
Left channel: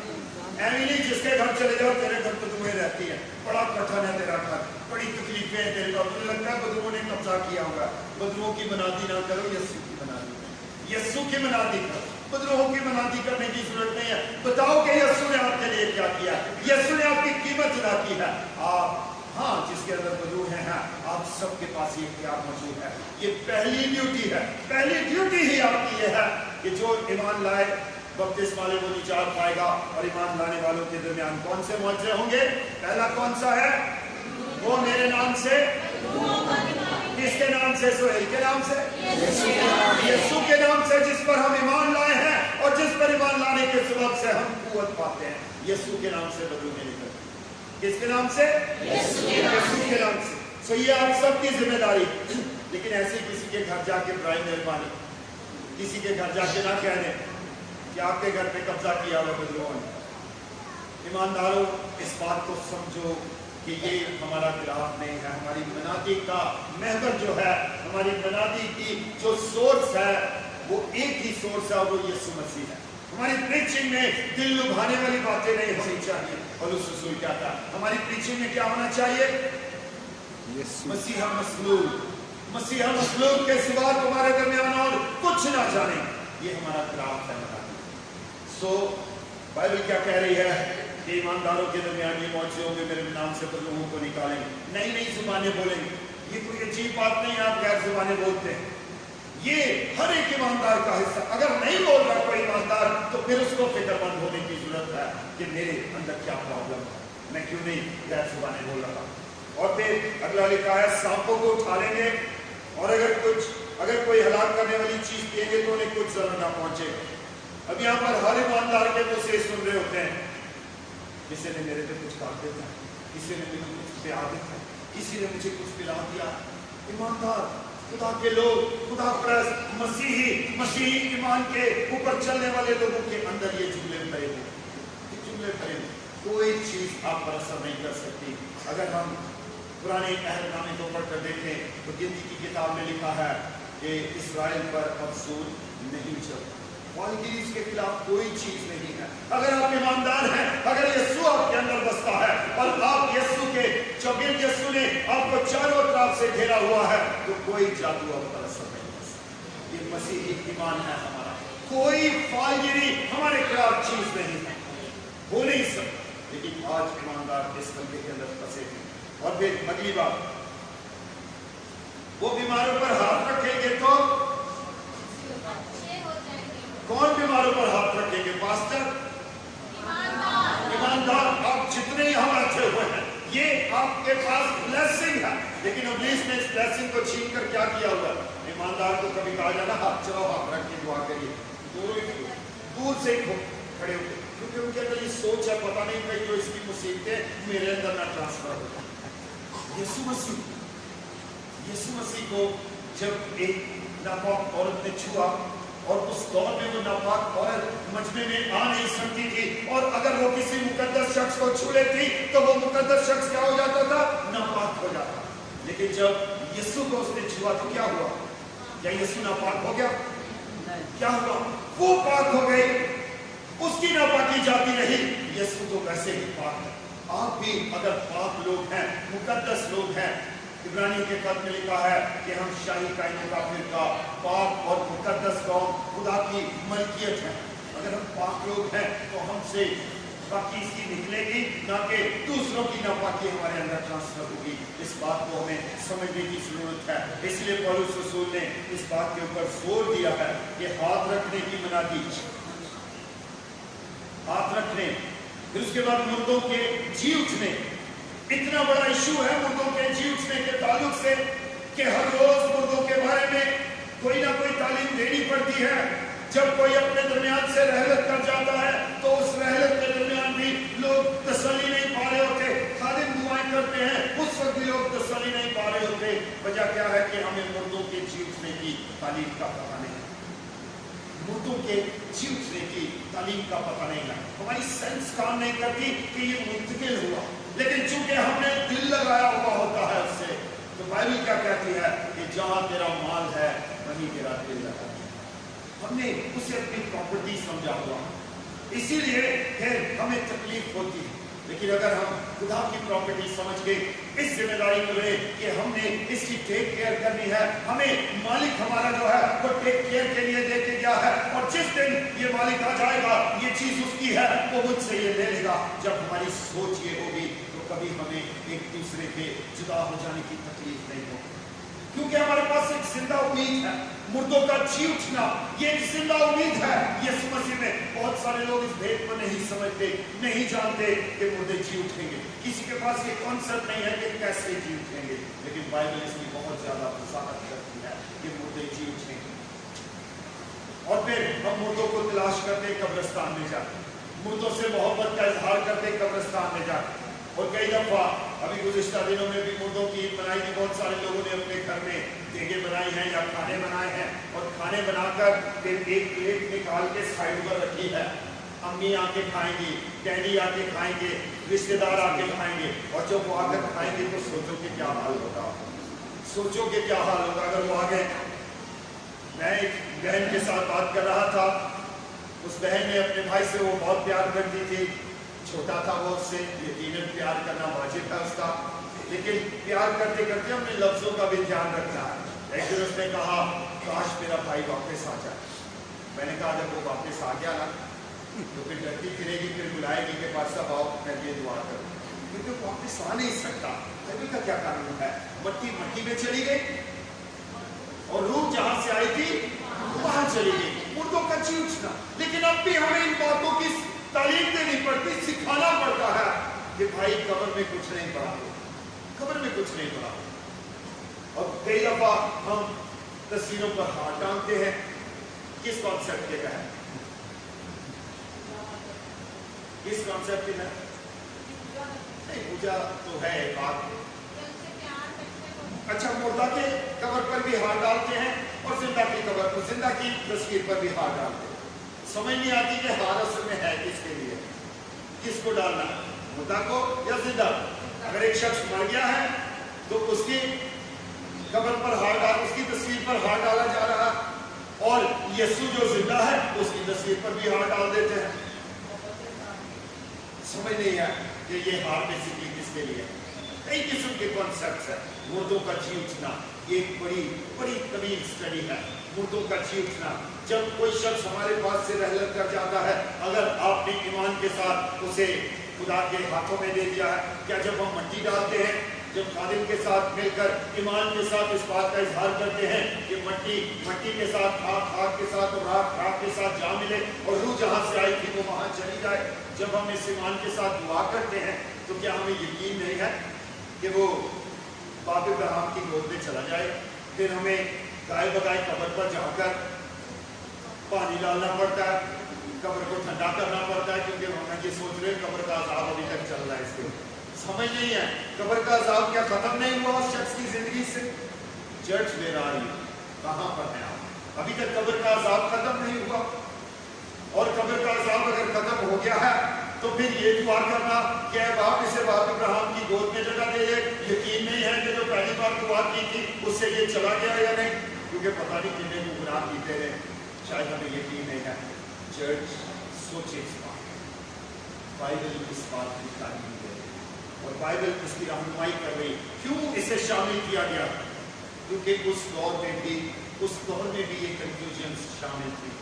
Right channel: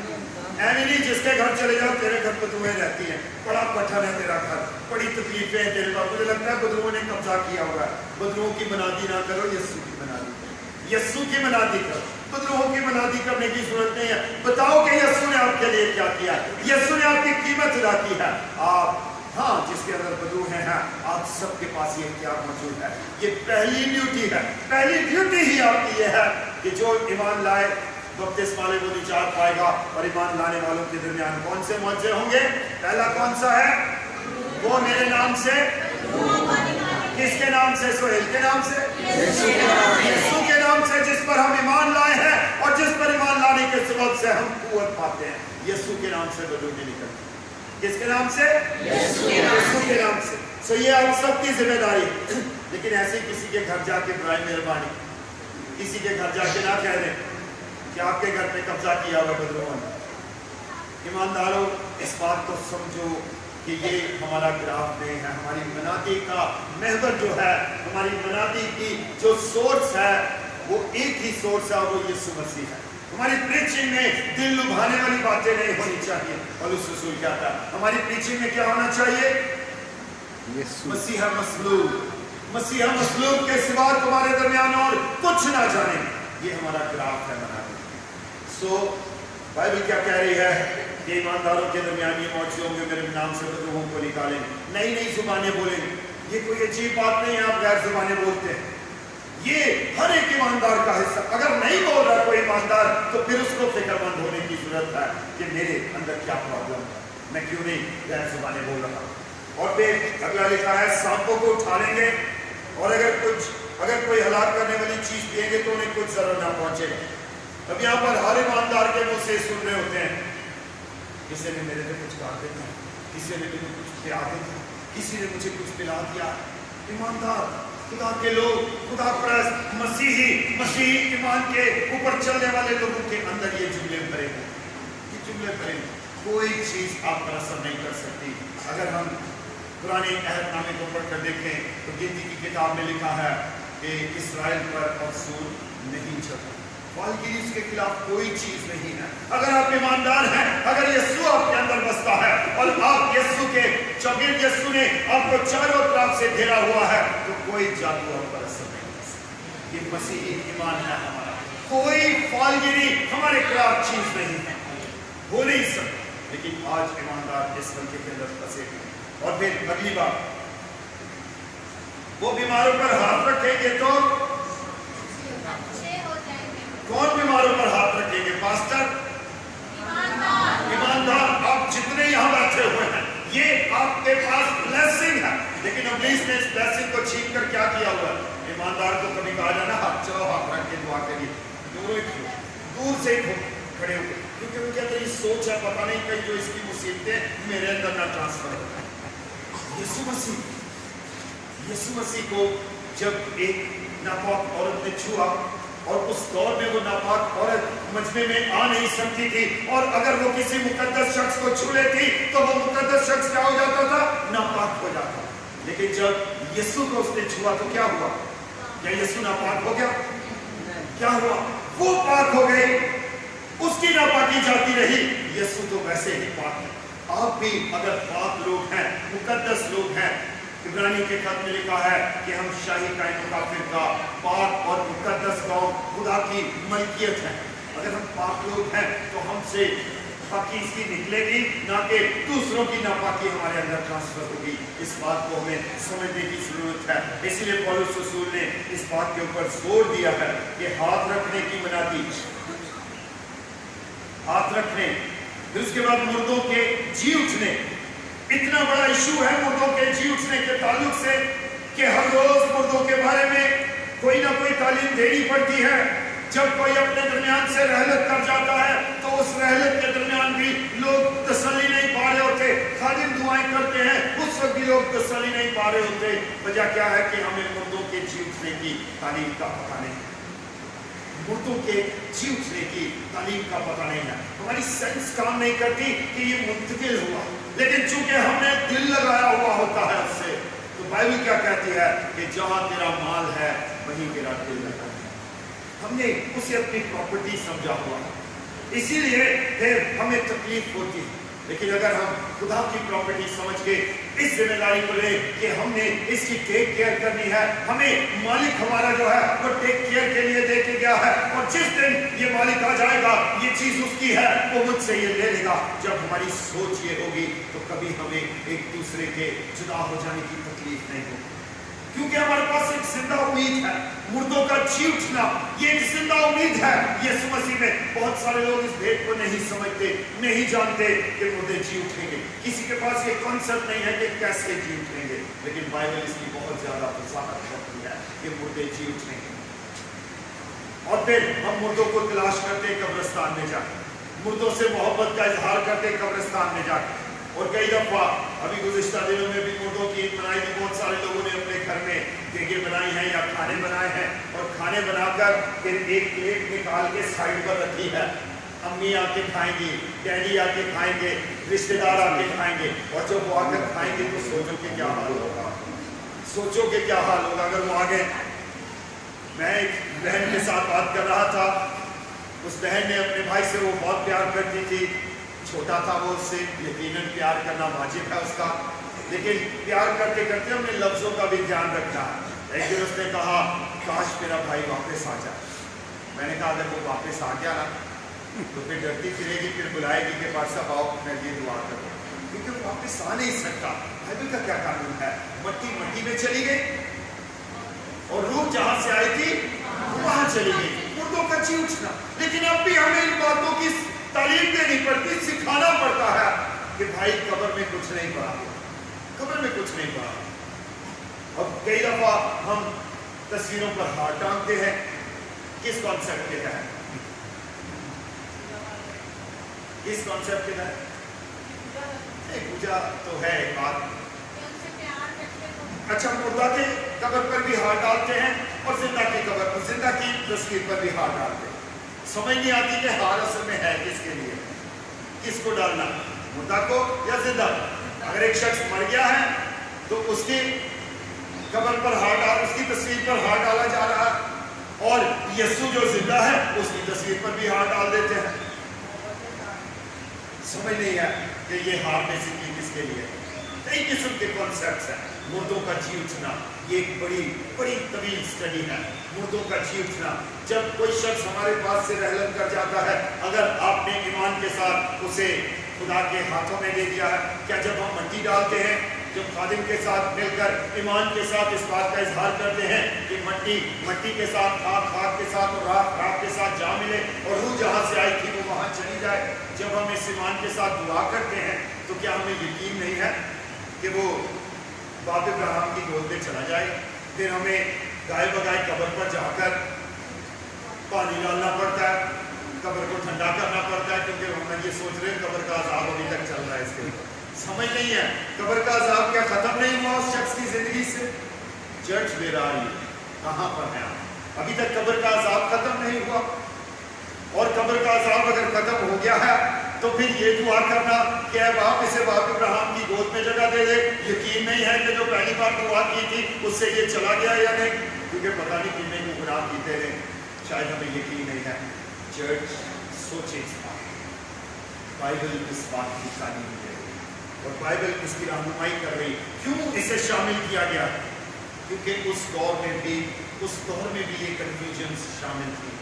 ऐनी नहीं जिसके घर चले जाओ तेरे घर बदरूहें रहती है, बड़ा कठिन है तेरा घर, बड़ी तकलीफें हैं तेरे पास, मुझे लगता है बदरूहों ने कब्जा किया हुआ है। बदरूहों की मनादी ना करो, यीशु की मनादी करो। यीशु की मनादी करो, बदरूहों की मनादी करने की जरूरत नहीं है। बताओ कि यीशु ने आपके लिए क्या किया, यीशु ने आपकी कीमत अदा की है। आप हाँ, जिसके अंदर बदरूह हैं, आप सबके पास ये इख्तियार मौजूद है। ये पहली ड्यूटी है। पहली ड्यूटी ही आपकी ये है कि जो ईमान लाए बपतिस्मा वाले वो निजात पाएगा। और ईमान लाने वालों के दरमियान कौन से मौजज़े होंगे? पहला कौन सा है? वो मेरे नाम से। किसके नाम से? सोहेल के नाम से, यीशु के नाम से, जिस पर हम ईमान लाए हैं और जिस पर ईमान लाने के सबब से हम कुव्वत पाते हैं। यीशु के नाम से बदरूहें निकलती। किसके नाम से? यीशु के नाम से। सो ये आप सबकी जिम्मेदारी। लेकिन ऐसी किसी के घर जाके बराए मेहरबानी, किसी के घर जाके ना कह दें कि आपके घर पे कब्जा किया हुआ बदरूहों ने। ईमानदारों, इस बात को समझो कि ये हमारा ग्राफ नहीं है। हमारी मनादी का महवर जो है, हमारी मनादी की जो सोर्स है, वो एक ही सोर्स है, वो यीशु मसीह है। हमारी प्रीचिंग में दिल लुभाने वाली बातें नहीं होनी चाहिए। पौलुस रसूल क्या था? हमारी प्रीचिंग में क्या होना चाहिए? मसीहा मसलूब। मसीहा मसलूब के सिवा तुम्हारे दरमियान और कुछ ना जाने। ये हमारा ग्राफ है मनादी। सो बाइबल क्या कह रही है कि ईमानदारों के दरमियान ये मौजूद होंगे, मेरे नाम से बदरूहों को निकालेंगे, नई नई जुबानें बोलेंगे। ये कोई अजीब बात नहीं है, आप गैर जुबानें बोलते हैं। ये हर एक ईमानदार का हिस्सा। अगर नहीं बोल रहा कोई ईमानदार, तो फिर उसको फिक्रमंद होने की जरूरत है कि मेरे अंदर क्या प्रॉब्लम है, मैं क्यों नहीं गैर जुबानें बोल रहा। और फिर अगला लिखा है, सांपों को उठा लेंगे, और अगर कोई हलाक करने वाली चीज पिएंगे तो उन्हें कुछ जरूर ना पहुंचे। अब यहाँ पर हर ईमानदार के मुंह से सुन रहे होते हैं, किसी ने मेरे पे कुछ काट देता, किसी ने मुझे कुछ प्यार देता, किसी ने मुझे कुछ पिला दिया। ईमानदार, खुदा के लोग, खुदा परस्त, मसीही ईमान के ऊपर चलने वाले लोगों के अंदर ये जुमले भरे हैं। ये जुमले भरे हैं। कोई चीज आप पर असर नहीं कर सकती। अगर हम पुराने अहदनामे को पढ़कर देखें तो गिनती की किताब में लिखा है कि इस्राएल पर अफसूल नहीं चला। फालगिरी के खिलाफ कोई चीज नहीं है। अगर आप ईमानदार हैं, अगर यीशु आपके अंदर बसता है और आप यीशु के चौगिर्द, यीशु ने आपको चारों तरफ से घेरा हुआ है, तो कोई जादू आप पर असर नहीं कर सकता। ये मसीही ईमान है हमारा। कोई फालगिरी हमारे खिलाफ चीज नहीं है, हो नहीं सकता। लेकिन आज ईमानदार इस हल्के के अंदर फंसे हैं। और फिर अगली बात, वो बीमारों पर हाथ रखेंगे तो कौन बीमारों पर हाथ रखेंगे? पास्टर, ईमानदार। आप जितने यहां बैठे हुए हैं, ये आपके पास ब्लेसिंग है। लेकिन इब्लीस ने इस ब्लेसिंग को छीन कर क्या किया हुआ है? ईमानदार को कभी कहा जाए ना, हाथ चलाओ, हाथ रख के दुआ करिए, दूर से खड़े होकर, क्योंकि उनके अंदर ये सोच है, पता नहीं कहीं जो इसकी मुसीबतें मेरे अंदर ना ट्रांसफर हो। यीशु मसीह को जब एक नापाक औरत ने छुआ, और उस दौर में वो नापाक औरत मजमे में आ नहीं सकती थी, और अगर वो किसी मुकद्दस शख्स को छू लेती तो वो मुकद्दस शख्स क्या हो जाता था? नापाक हो जाता। लेकिन जब यीशु को उसने छुआ तो क्या हुआ? क्या यीशु नापाक हो गया? क्या हुआ? वो पाक हो गई, उसकी नापाकी जाती रही। यीशु तो वैसे ही पाक है। आप भी अगर पाक लोग हैं, मुकद्दस लोग हैं, इब्रानियों के खत में लिखा है कि हम शाही कायनों का फिरका, पाक और मुकद्दस कौम, खुदा की मलकियत है। अगर हम पाक लोग हैं तो हमसे पाकी इसकी निकलेगी, ना कि दूसरों की नापाकी हमारे अंदर ट्रांसफर होगी। इस बात को हमें समझने की जरूरत है। इसलिए पौलुस रसूल ने इस बात के ऊपर जोर दिया है कि हाथ रखने की मनादी, हाथ रखने, फिर उसके बाद मुर्दों के जी उठने। इतना बड़ा इशू है मुर्दों के जी उठने के ताल्लुक से कि हर रोज मुर्दों के बारे में कोई ना कोई तालीम देनी पड़ती है। जब कोई अपने दरमियान से रहलत कर जाता है तो उस रहलत के दरमियान भी लोग तसल्ली नहीं पा रहे होते, खालिद दुआएं करते हैं, उस वक्त भी लोग तसल्ली नहीं पा रहे होते। वजह क्या है कि हमें मुर्दों के जी उठने की तालीम का पता नहीं, मुर्दों के जी उठने की तालीम का पता नहीं है। हमारी सेंस काम नहीं करती कि ये मुंतकिल हुआ, लेकिन चूंकि हमने दिल लगाया हुआ होता है उससे, तो बाइबल क्या कहती है कि जहां तेरा माल है वहीं तेरा दिल लगा है। हमने उसे अपनी प्रॉपर्टी समझा हुआ, इसीलिए फिर हमें तकलीफ होती है। लेकिन अगर हम खुदा की प्रॉपर्टी समझ के इस जिम्मेदारी को ले कि हमने इसकी टेक केयर करनी है, हमें मालिक हमारा जो है वो टेक केयर के लिए दे के गया है, और जिस दिन ये मालिक आ जाएगा, ये चीज उसकी है, वो मुझसे ये ले लेगा। जब हमारी सोच ये होगी तो कभी हमें एक दूसरे के जुदा हो जाने की तकलीफ नहीं होगी, क्योंकि हमारे पास एक जिंदा उम्मीद है। मुर्दों का जी उठना ये एक जिंदा उम्मीद है यीशु मसीह में। बहुत सारे लोग इस भेद को नहीं समझते, नहीं जानते कि मुर्दे जी उठेंगे। किसी के पास ये कॉन्सेप्ट नहीं है कि कैसे जी उठेंगे, लेकिन बाइबल इसकी बहुत ज्यादा वजाहत करती है कि मुर्दे जी उठेंगे। और फिर हम मुर्दों को तलाश करते कब्रिस्तान में जाकर, मुर्दों से मोहब्बत का इजहार करते कब्रिस्तान में जाकर। और कई दफा अभी गुज़िश्ता दिनों में भी मुर्दों की ईद मनाई थी। बहुत सारे लोगों ने अपने घर में देगे बनाई हैं या खाने बनाए हैं, और खाने बनाकर फिर एक प्लेट निकाल के साइड पर रखी है। अम्मी आके खाएंगी, डैडी आके खाएंगे, रिश्तेदार आके खाएंगे, और जब वो आकर खाएंगे तो सोचो कि क्या हाल होगा, सोचो कि क्या हाल होगा अगर वो आगे। मैं एक बहन के साथ बात कर रहा था, उस बहन ने अपने भाई से, वो बहुत प्यार करती थी, छोटा था वो उससे, यकीनन प्यार करना वाजिब है उसका, लेकिन प्यार करते करते हमने लफ्जों का भी ध्यान रखना। एक दिन उसने कहा काश मेरा भाई वापस आ जाए। मैंने कहा अगर वो वापस आ गया ना तो फिर डरती फिरेगी, फिर बुलाएगी कि पास साहब आओ मैं ये दुआ करूँ, क्योंकि वो वापस आ नहीं सकता। बाइबल का क्या कानून है, मट्टी मट्टी में चली गई और रूह जहां से आई थी वहां चली गई। मुर्दों का जी उठना। लेकिन अब भी हमें इन बातों की तालीम देनी पड़ती, सिखाना पड़ता है कि भाई कब्र में कुछ नहीं पड़ा, कब्र में कुछ नहीं पड़ा। और कई दफा हम तस्वीरों पर हाथ डालते हैं, किस कॉन्सेप्ट के तहत, किस कॉन्सेप्ट के तहत? नहीं, पूजा तो है एक बात। अच्छा, मुर्दा के कब्र पर भी हाथ डालते हैं और जिंदा की कब्र पर, जिंदा की तस्वीर पर भी हाथ डालते हैं। समझ नहीं आती कि हाथ असल में है किसके लिए, किसको डालना, मुर्दा को या जिंदा। अगर एक शख्स मर गया है तो उसकी कब्र पर हाथ डाल, उसकी तस्वीर पर हाथ डाला जा रहा है, और यीशु जो जिंदा है उसकी तस्वीर पर भी हाथ डाल देते हैं। समझ नहीं है कि ये हाथ बेसिकली किसके लिए। कई किस्म के कॉन्सेप्ट्स हैं। मुर्दों का जी उठना ये एक बड़ी बड़ी तवील स्टडी है। मुर्दों का जी उठना, जब कोई शख्स हमारे पास से रहलत कर जाता है, अगर आपने ईमान के साथ उसे खुदा के हाथों में दे दिया है, क्या जब हम मिट्टी डालते हैं, जब खादिम के साथ मिलकर ईमान के साथ इस बात का इजहार करते हैं कि मट्टी मट्टी के साथ, खाक खाक के साथ और राख राख के साथ जा मिले और रूह जहां से आई थी वो वहां चली जाए, जब हम इस ईमान के साथ दुआ करते हैं तो क्या हमें यकीन नहीं है कि वो बाप इब्राहिम की गोद में चला जाए? फिर हमें गाय बगाए कब्र पर जाकर पानी डालना पड़ता है, कब्र को ठंडा करना पड़ता है, क्योंकि हम ये सोच रहे हैं कब्र का अजाब अभी तक चल रहा है। इसके समझ नहीं है, कब्र का अजाब क्या खत्म नहीं हुआ उस शख्स की जिंदगी से? चर्च ले रहा है, कहाँ पर है? अभी तक कब्र का अजाब खत्म नहीं हुआ, और कब्र का अजाब अगर खत्म हो गया है तो फिर ये दुआ करना कि बाप इसे बाप इब्राहिम की गोद में जगह दे दे। यकीन नहीं है कि जो पहली बार दुआ की थी उससे ये चला गया या नहीं, क्योंकि पता नहीं कितने गुनाह कीते हैं। शायद हमें यकीन नहीं है। चर्च सोचे इस बात, बाइबल इस बात की तालीम दे रही और बाइबल इसकी रहनुमाई कर रही। क्यों इसे शामिल किया गया? क्योंकि उस दौर में भी ये कन्फ्यूजन शामिल थी।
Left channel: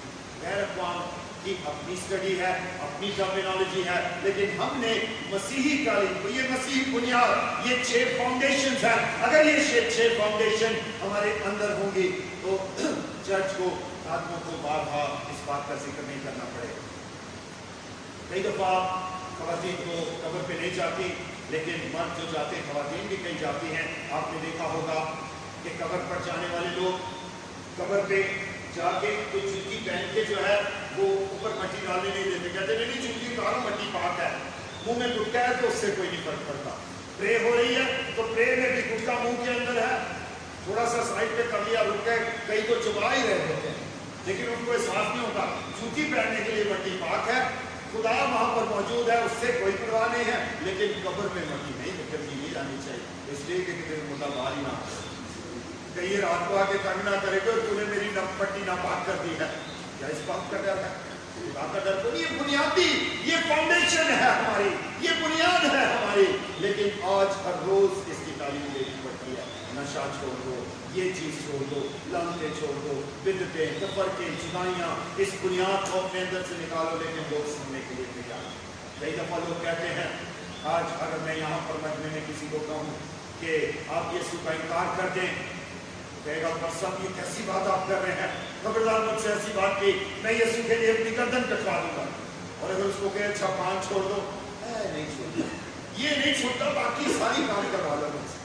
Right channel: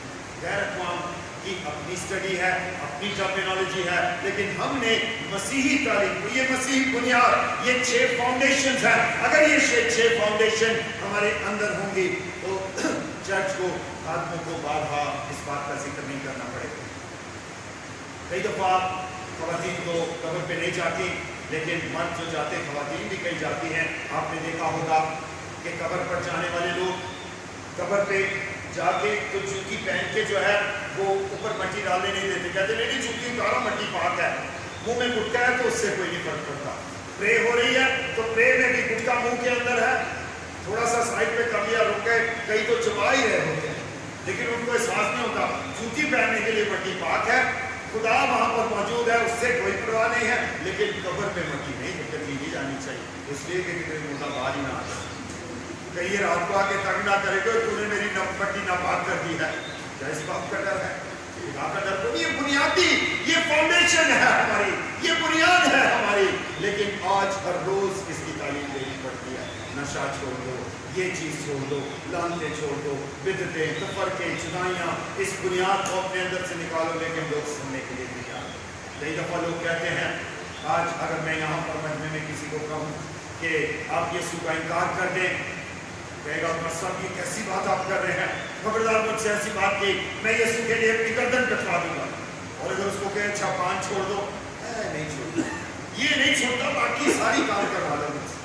गैर अक़वाम की अपनी स्टडी है, अपनी टर्मिनोलॉजी है, लेकिन हमने मसीही तालीम को, ये मसीही बुनियाद, ये 6 फाउंडेशन है। अगर ये 6 फाउंडेशन हमारे अंदर होंगी तो चर्च को, आदमियों को बार-बार इस बात का जिक्र नहीं करना पड़ेगा। कई दफा खवातीन तो कब्र पे नहीं जाती, लेकिन मर्द जो जाते, खवातीन भी कई जाती हैं। आपने देखा होगा कि कब्र पर जाने वाले लोग कब्र पे जाके तो जूती पहन के जो है वो ऊपर मट्टी डालने नहीं देते, कहते नहीं जूती उतारो, मट्टी पाक है। मुंह में गुटका है तो उससे कोई नहीं फर्क पड़ता। प्रे हो रही है तो प्रे में भी गुटका मुंह के अंदर है, थोड़ा सा साइड पे कर लिया, रुक गए, कई तो चबा ही रहे होते हैं, लेकिन उनको एहसास नहीं होता। जूती पहनने के लिए मट्टी पाक है, खुदा वहां पर मौजूद है, उससे कोई परवाह नहीं है, लेकिन कब्र में मट्टी नहीं निकलनी नहीं जानी चाहिए, इसलिए कि कोई मुर्दा बाहर ही ना आ जाए, कहीं रात को आके तंग ना करेगा और तूने मेरी मट्टी नापाक कर दी है। क्या इस बात का डर है? खुदा का डर तो नहीं, ये बुनियादी, ये फाउंडेशन है हमारी, ये बुनियाद है हमारी। लेकिन आज हर रोज इसकी तालीम देनी पड़ती है। नशा छोड़ दो, ये चीज छोड़ दो, लानते छोड़ दो, बिदतें, तफरके, जुदाइयाँ, इस बुनियाद को अपने अंदर से निकालो। लेकिन लोग सुनने के लिए तैयार। कई दफा लोग कहते हैं, आज अगर मैं यहाँ पर मजमे में किसी को कहूँ कि आप यीशु का इनकार कर दें, कहेगा पर साहब ये कैसी बात आप कर रहे हैं, खबरदार मुझसे ऐसी बात की, मैं यीशु के लिए अपनी गर्दन कटवा दूंगा। और अगर उसको कहे अच्छा पान छोड़ दो, नहीं छोड़ता, ये नहीं छोड़ता, बाकी सारी काम करवा लो मुझसे।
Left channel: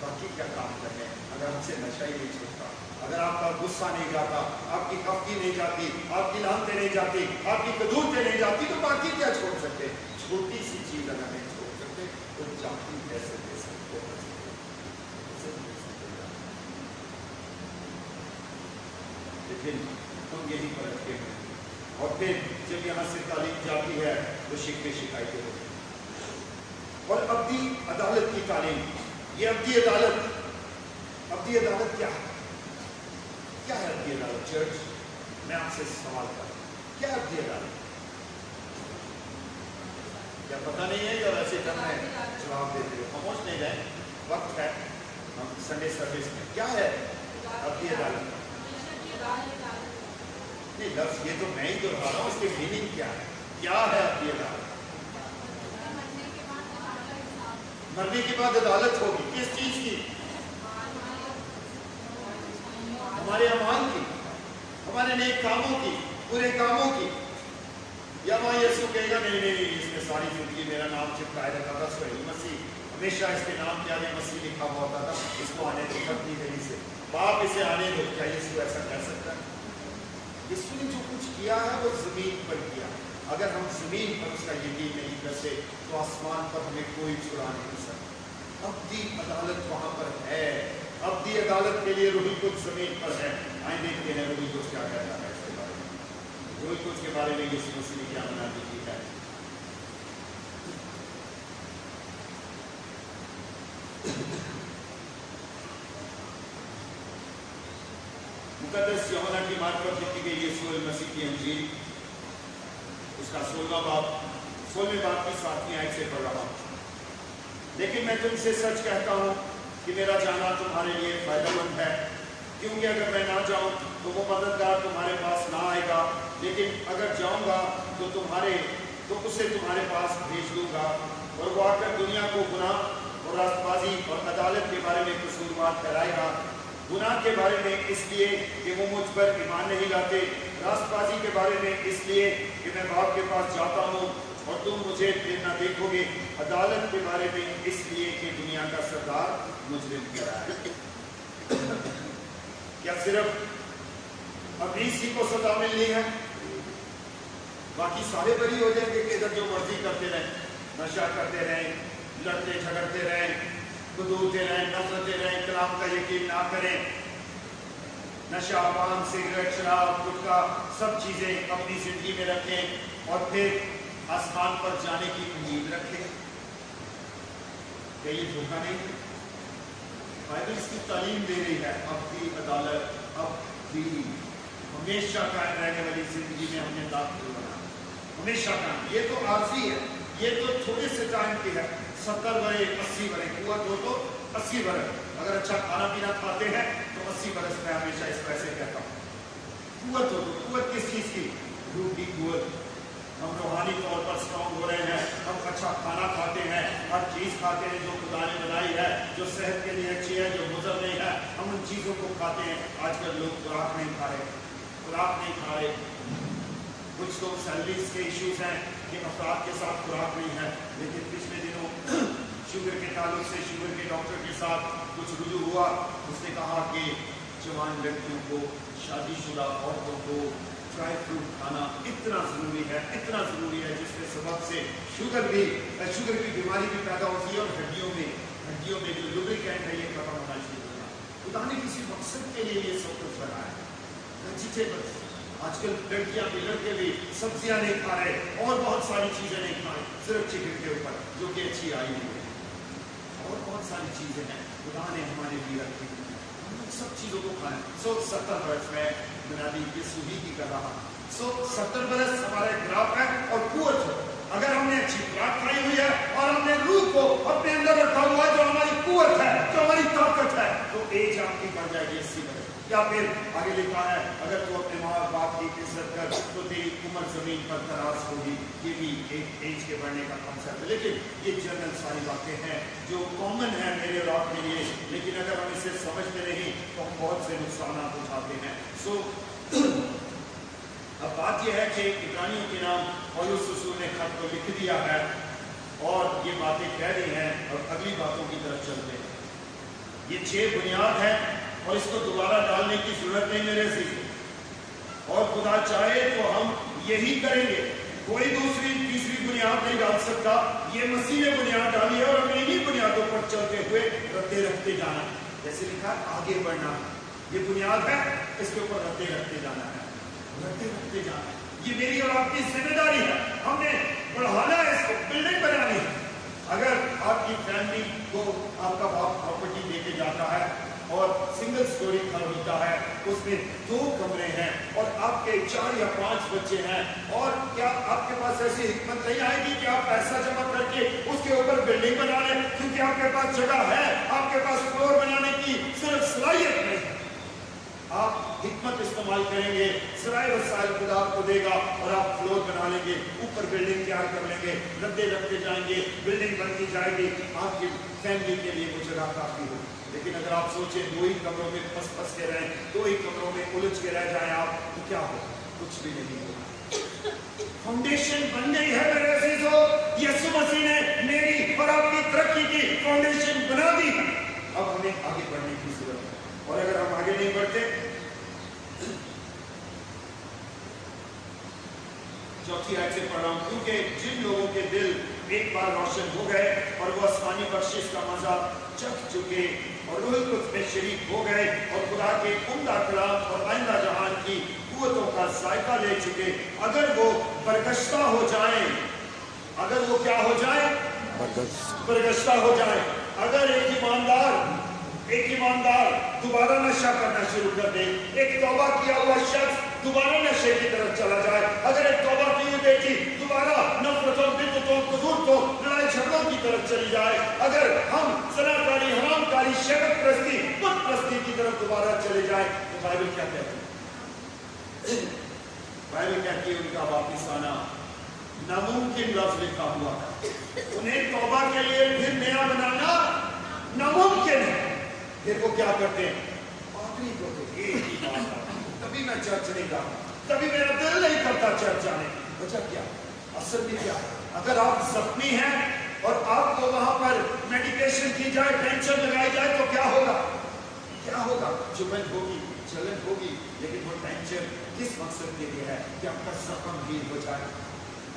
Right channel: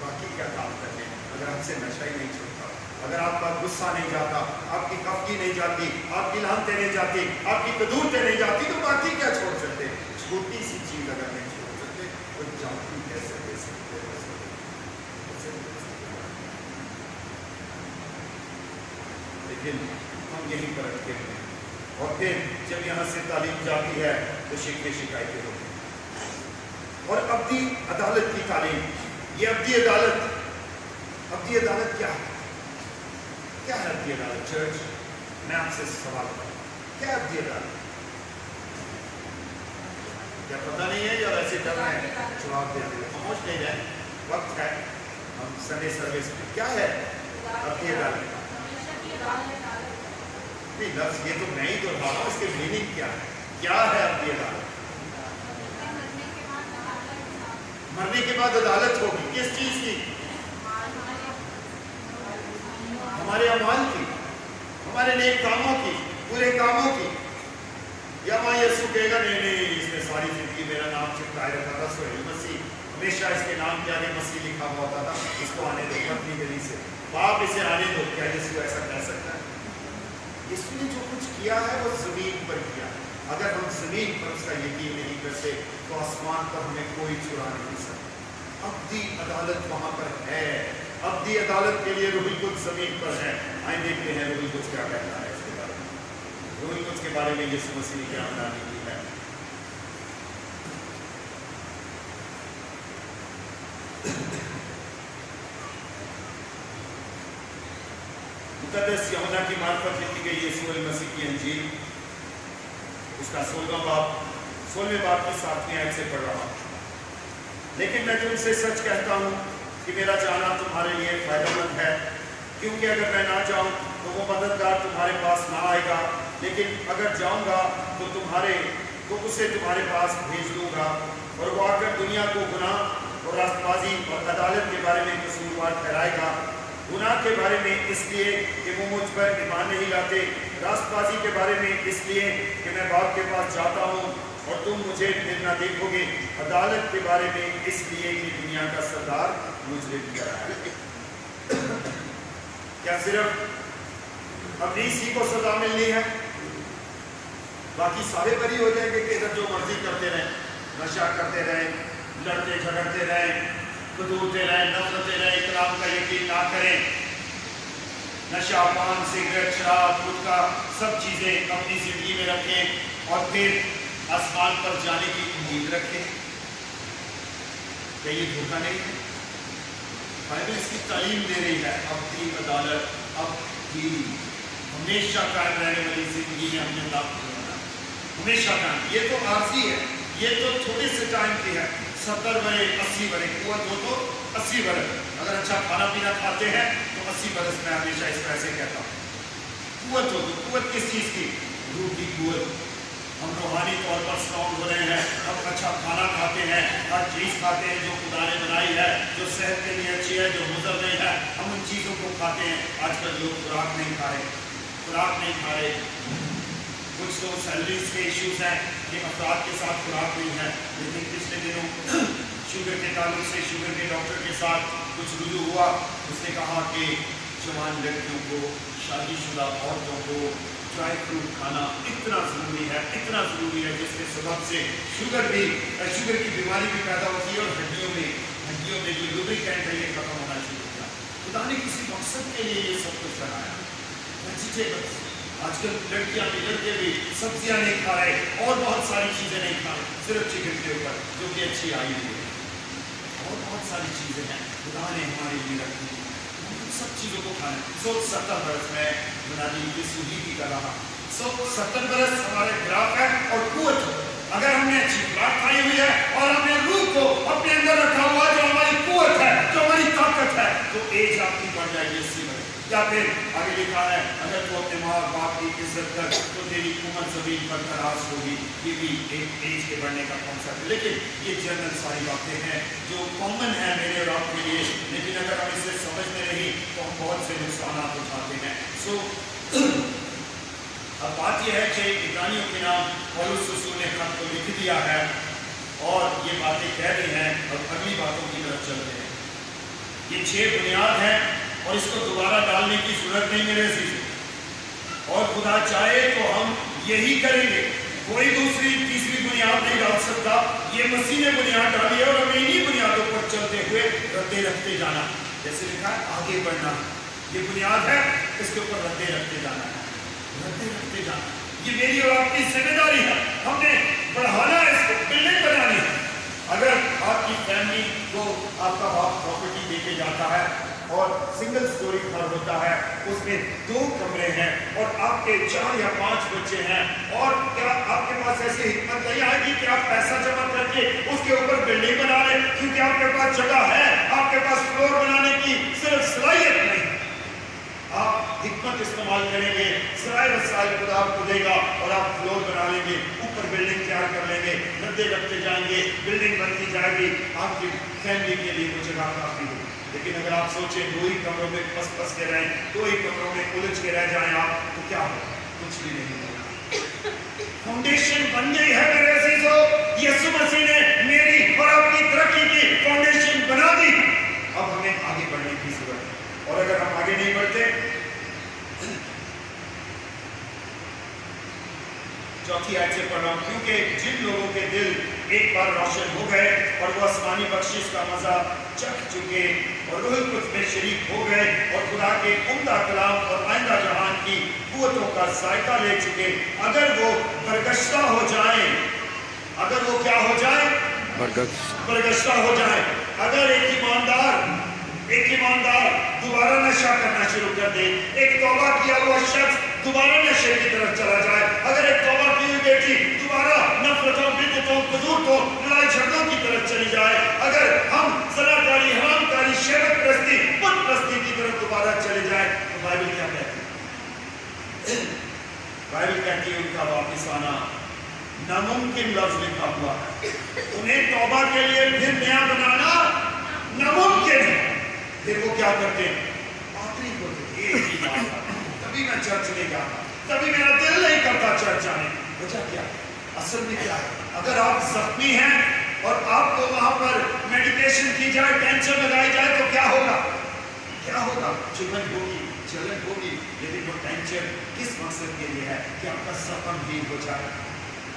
बाकी क्या काम करने, अगर हमसे नशा ही नहीं छूटता, अगर आपका गुस्सा नहीं जाता, आपकी खफगी नहीं जाती, आपकी लानतें नहीं जाती, आपकी कदूरतें नहीं जाती, तो बाकी क्या छोड़ सकते? छोटी सी चीज अगर नहीं छोड़ सकते तो जाती कैसे दे सकते? लेकिन हम यहीं पर अटके हैं। और फिर जब यहाँ से तालीम जाती है तो शिकायतें होती हैं। और अब्दी अदालत की तालीम, ये अब्दी अदालत क्या है? क्या है अब्दी अदालत? चर्च, मैं आपसे सवाल करूं, क्या है अब्दी अदालत? क्या पता नहीं है या वैसे चल रहे हैं? जवाब देते हुए पहुंच नहीं रहे, वक्त है, हम संडे सर्विस में। क्या है अब्दी अदालत? नहीं लफ्ज ये तो मैं ही दोहरा रहा हूँ, इसके मीनिंग क्या है? क्या है अब्दी अदालत? मरने के बाद अदालत होगी, किस चीज की? हमारे अमाल की, हमारे नेक कामों की, बुरे कामों की। या वहाँ यीशु कहेगा नहीं, इसने सारी जिंदगी मेरा नाम चिपकाए रखा था, सोहेल मसीह, हमेशा इसके नाम के आगे मसीह लिखा हुआ था, इसको आने दो पत्नी गली से, बाप इसे आने दो। क्या यीशु ऐसा कह सकता है? यीशु ने जो कुछ किया है वो जमीन पर किया। अगर हम जमीन पर उसका यकीन नहीं करते तो आसमान पर हमें कोई छुड़ा नहीं सकता। अब्दी अदालत वहां पर है, अब्दी अदालत के लिए रूहुल कुद्स जमीन पर है। आइए देखते हैं रूहुल कुद्स क्या कहता है इसके बारे में। रूहुल कुद्स के बारे में यीशु मसीह ने क्या मनाही की है? मुकद्दस यूहन्ना की मार्फत लिखी गई यीशु मसीह की अंजील, उसका 16वें बाब की 7वीं आयत से पढ़ रहा हूँ। लेकिन मैं तुमसे सच कहता हूँ कि मेरा जाना तुम्हारे लिए फायदेमंद है, क्योंकि अगर मैं ना जाऊँ तो वो मददगार तुम्हारे पास ना आएगा, लेकिन अगर जाऊँगा तो उसे तुम्हारे पास भेज दूंगा, और वो आकर दुनिया को गुनाह और रास्तबाजी और अदालत के बारे में कसूरवार ठहराएगा। गुनाह के बारे में इसलिए कि वो मुझ पर ईमान नहीं लाते, रास्तबाजी के बारे में इसलिए कि मैं बाप के पास जाता हूँ और तुम मुझे फिर न देखोगे, अदालत के बारे में इसलिए कि दुनिया का सरदार मुजरिम कराए। क्या सिर्फ अब्लीस ही को सजा मिलनी है? बाकी सारे बरी हो जाएंगे कि इधर जो मर्जी करते रहें, नशा करते रहें, लड़ते झगड़ते रहें, कूदते रहें, नफरतें रहें, कलाम का यकीन ना करें, नशा, पान, सिगरेट, शराब, गुटखा, सब चीज़ें अपनी ज़िंदगी में रखें और फिर आसमान पर जाने की उम्मीद रखें? क्या ये धोखा नहीं है? बाइबल इसकी तालीम दे रही है। अब्दी अदालत, अब्दी हमेशा कायम रहने वाली जिंदगी में हमने दाखिल होना है, हमेशा कायम। ये तो आरजी है, ये तो थोड़े से टाइम की है, 70 बरस 80 बरस कुव्वत हो तो 80 बरस। अगर अच्छा खाना पीना खाते हैं तो 80 बरस में हमेशा इस तरह से कहता हूँ। कुव्वत हो तो कुव्वत किस चीज़ की? रूह की कुव्वत। हम रूहानी तौर पर स्ट्रॉन्ग हो रहे हैं, हम अच्छा खाना खाते हैं, हर चीज़ खाते हैं जो खुदा ने बनाई है, जो सेहत के लिए अच्छी है, जो मुज़र नहीं है, हम उन चीज़ों को खाते हैं। आजकल लोग खुराक नहीं खा रहे, खुराक नहीं खा रहे। कुछ तो सैलरीज के इश्यूज हैं कि अफराद के साथ खुराक नहीं है। लेकिन पिछले दिनों शुगर के ताल्लुक से शुगर के डॉक्टर के साथ कुछ रुजू हुआ। उसने कहा कि जवान लड़कियों को, शादीशुदा औरतों को ड्राई फ्रूट खाना इतना ज़रूरी है, इतना ज़रूरी है, जिसके सबब से शुगर की बीमारी भी पैदा होती है और हड्डियों में जो लुब्रिकेंट है ये खत्म होना शुरू हुआ। खुदा ने किसी मकसद के लिए ये सब कुछ बनाया। वेजिटेबल्स, आजकल लड़कियां भी लड़के भी सब्जियां नहीं खा रहे और बहुत सारी चीज़ें नहीं खा रहे, सिर्फ चिकन के ऊपर, जो कि अच्छी आई नहीं है। और बहुत सारी चीज़ें हैं खुदा ने हमारे लिए रखी, हम सब चीज़ों को खाएं। 70 बरस में बुनियादी यीशु भी कर रहा। 70 बरस हमारे ग्राफ है और कुव्वत है। अगर हमने अच्छी खुराक खाई हुई है और हमने रूह को अपने अंदर रखा हुआ जो हमारी कुव्वत है, जो हमारी ताकत है, तो एज आपकी बढ़ जाएगी 80 बरस। या फिर आगे लिखा है अगर तू अपने माँ बाप की इज्जत कर तो तेरी उम्र जमीन पर तराश होगी। ये भी एक एज के बढ़ने का कॉन्सेप्ट है। लेकिन ये जनरल सारी बातें हैं जो कॉमन है मेरे और आपके लिए, लेकिन अगर हम इसे समझते नहीं तो हम बहुत से नुकसान उठाते हैं। अब बात यह है कि इब्रानियों के नाम पौलुस रसूल ने खत को लिख दिया है और ये बातें कह रही हैं। और अगली बातों की तरफ चलते हैं। ये 6 बुनियाद हैं और इसको दोबारा डालने की जरूरत नहीं मेरे अजीज। और खुदा चाहे तो हम यही करेंगे, कोई दूसरी तीसरी बुनियाद नहीं डाल सकता। ये मसीह ने बुनियाद डाली है और हमें इन्हीं बुनियादों पर चलते हुए रखते जाना। जैसे लिखा है आगे बढ़ना, ये बुनियाद है, इसके ऊपर रखते जाना है, रखते जाना। ये मेरी और आपकी जिम्मेदारी है, हमने बढ़ाना है, इसको बिल्डिंग बनानी है। अगर आपकी फैमिली को आपका बाप प्रॉपर्टी देके जाता है और सिंगल स्टोरी घर होता है, उसमें 2 कमरे हैं और आपके 4 या 5 बच्चे हैं, और क्या आपके पास ऐसी हिम्मत नहीं आएगी कि आप पैसा जमा करके उसके ऊपर बिल्डिंग बना लें? क्योंकि आपके पास जगह है, आपके पास फ्लोर बनाने की सिर्फ सलाहियत नहीं, आप हिकमत इस्तेमाल करेंगे, सराय वसाइल खुदा आपको देगा और आप फ्लोर बना लेंगे, ऊपर बिल्डिंग तैयार कर लेंगे, रद्दे रखते जाएंगे, बिल्डिंग बनती जाएगी, आपकी फैमिली के लिए वो जगह काफी हो। लेकिन अगर आप सोचें 2 ही कमरों में फंस के रहें, 2 ही कमरों में उलझ के रह जाएं आप, तो क्या होगा? कुछ भी नहीं होगा। फाउंडेशन बन गई है मेरे अजीजों, यीशु मसीह ने मेरी और आपकी तरक्की की फाउंडेशन बना दी। अब हमें आगे बढ़ने की जरूरत है, और अगर हम आगे नहीं बढ़ते, चौथी आयत से पढ़ा, क्योंकि जिन लोगों के दिल एक बार रोशन हो गए और वो आसमानी बख्शिश का मजा चख चुके और रूह कुछ में शरीक हो गए और खुदा के उम्दा कलाम और आइंदा जहान की कुव्वतों का जायका ले चुके, अगर वो बरगश्ता हो जाए, अगर वो क्या हो जाए? बरगश्ता हो जाए। अगर एक ईमानदार दोबारा नशा करना शुरू कर दे, एक तौबा किया हुआ शख्स दोबारा नशे की तरफ चला जाए, अगर एक तौबा की हुई बेटी दोबारा नफरतों, बिदअतों, कुदूरतों, लड़ाई झगड़ों की तरफ चली जाए, अगर हम ज़नाकारी, हरामकारी, शरक परस्ती, बुत परस्ती की तरफ दोबारा चले जाए, तो बाइबल क्या कहती है? बाइबल कहती है उनका वापिस आना नामुमकिन लफ्ज़ लिखा हुआ है। उन्हें तौबा के लिए फिर नया बनाना नामुमकिन है। फिर वो क्या करते हैं? आखिरी को एक ही बात, तभी मैं चर्च नहीं जाता, तभी मेरा दिल नहीं करता चर्च जाने। वजह क्या? असल में क्या? अगर आप जख्मी हैं और आपको वहां पर मेडिकेशन की जाए, टेंशन लगाई जाए, तो क्या होगा? क्या होगा? चुभन होगी, जलन होगी, लेकिन वो टेंशन किस मकसद के लिए है? कि आपका जख्म हील हो जाए,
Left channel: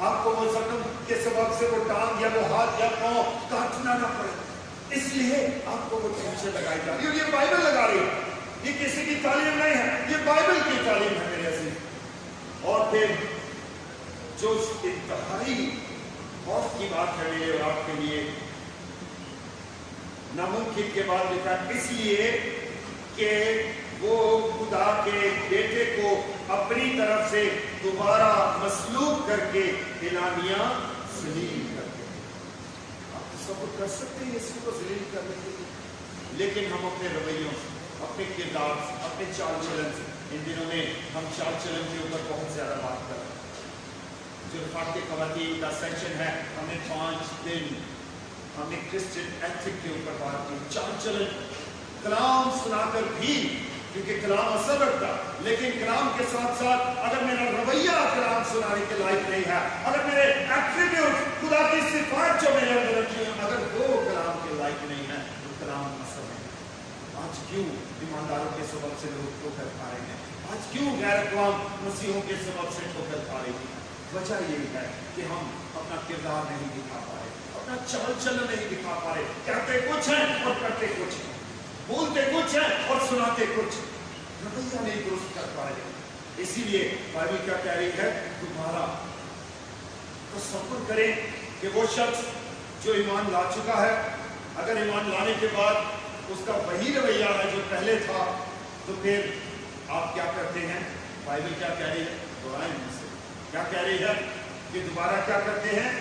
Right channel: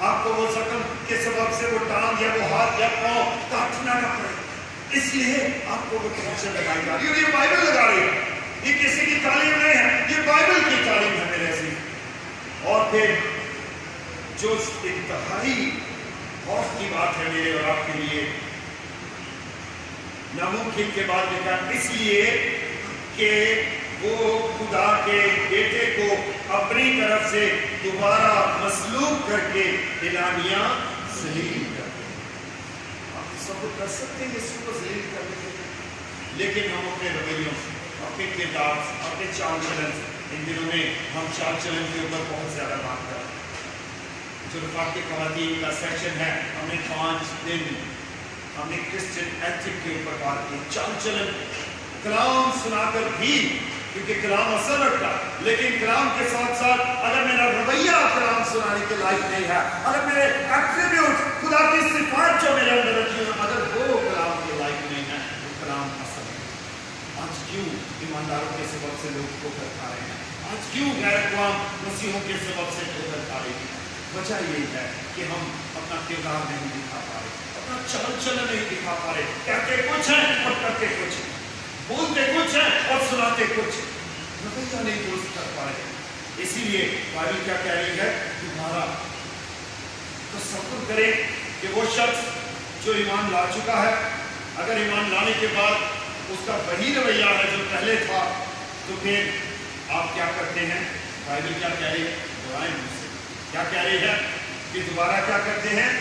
आपको वो जख्म के सबब से वो टांग या वो हाथ या पांव काटना ना पड़े, इसलिए आपको वो टेंशन लगाई जा रही है। ये बाइबल लगा रही है, ये किसी की तालीम नहीं है, ये बाइबल की तालीम है मेरे ऐसी। और फिर जो इंतहाई खौफ की बात है मेरे और आपके लिए, नामुमकिन के बाद लिखा, इसलिए कि वो खुदा के बेटे को अपनी तरफ से दोबारा मसलूब करके एलानिया जलील करते हैं। आप तसव्वुर कर सकते हैं यीशु को जलील करने के लिए, लेकिन हम अपने रवैयों से, अपने किरदार से, अपने चाल चलन से, इन दिनों में हम चाल चलन के ऊपर बहुत ज़्यादा बात कर रहे हैं। जो रफ़ाक़ी ख़वातीन का सेशन है, हमने 5 दिन हमने क्रिश्चियन एथिक के ऊपर बात की। चाल चलन कलाम सुनाकर भी, क्योंकि कलाम असर रखता, लेकिन कलाम के साथ साथ अगर मेरा रवैया कलाम सुनाने के लायक नहीं है, अगर मेरे एट्रीब्यूट खुदा की सिफात जो मेरे अंदर रखी है, अगर वो कलाम के लायक नहीं है, तो कलाम असर नहीं। आज क्यों ईमानदारों के सबब से लोग ठोकर खा रहे हैं? आज क्यों गैर अक़वाम मसीहों के सबब से ठोकर खा रहे हैं? वजह ये है कि हम अपना किरदार नहीं दिखा पा रहे, अपना चाल चलन नहीं दिखा पा रहे। कहते कुछ है और करते कुछ, बोलते कुछ है और सुनाते कुछ, रवैया नहीं दुरुस्त कर पा रहे। इसीलिए बाइबल क्या कह रही है? तुम्हारा तसव्वुर करें कि वो शख्स जो ईमान ला चुका है, अगर ईमान लाने के बाद उसका वही रवैया है जो पहले था, तो फिर आप क्या करते हैं? बाइबल क्या कह रही है? दोहराएं मुझसे, क्या कह रही है कि दोबारा क्या करते हैं?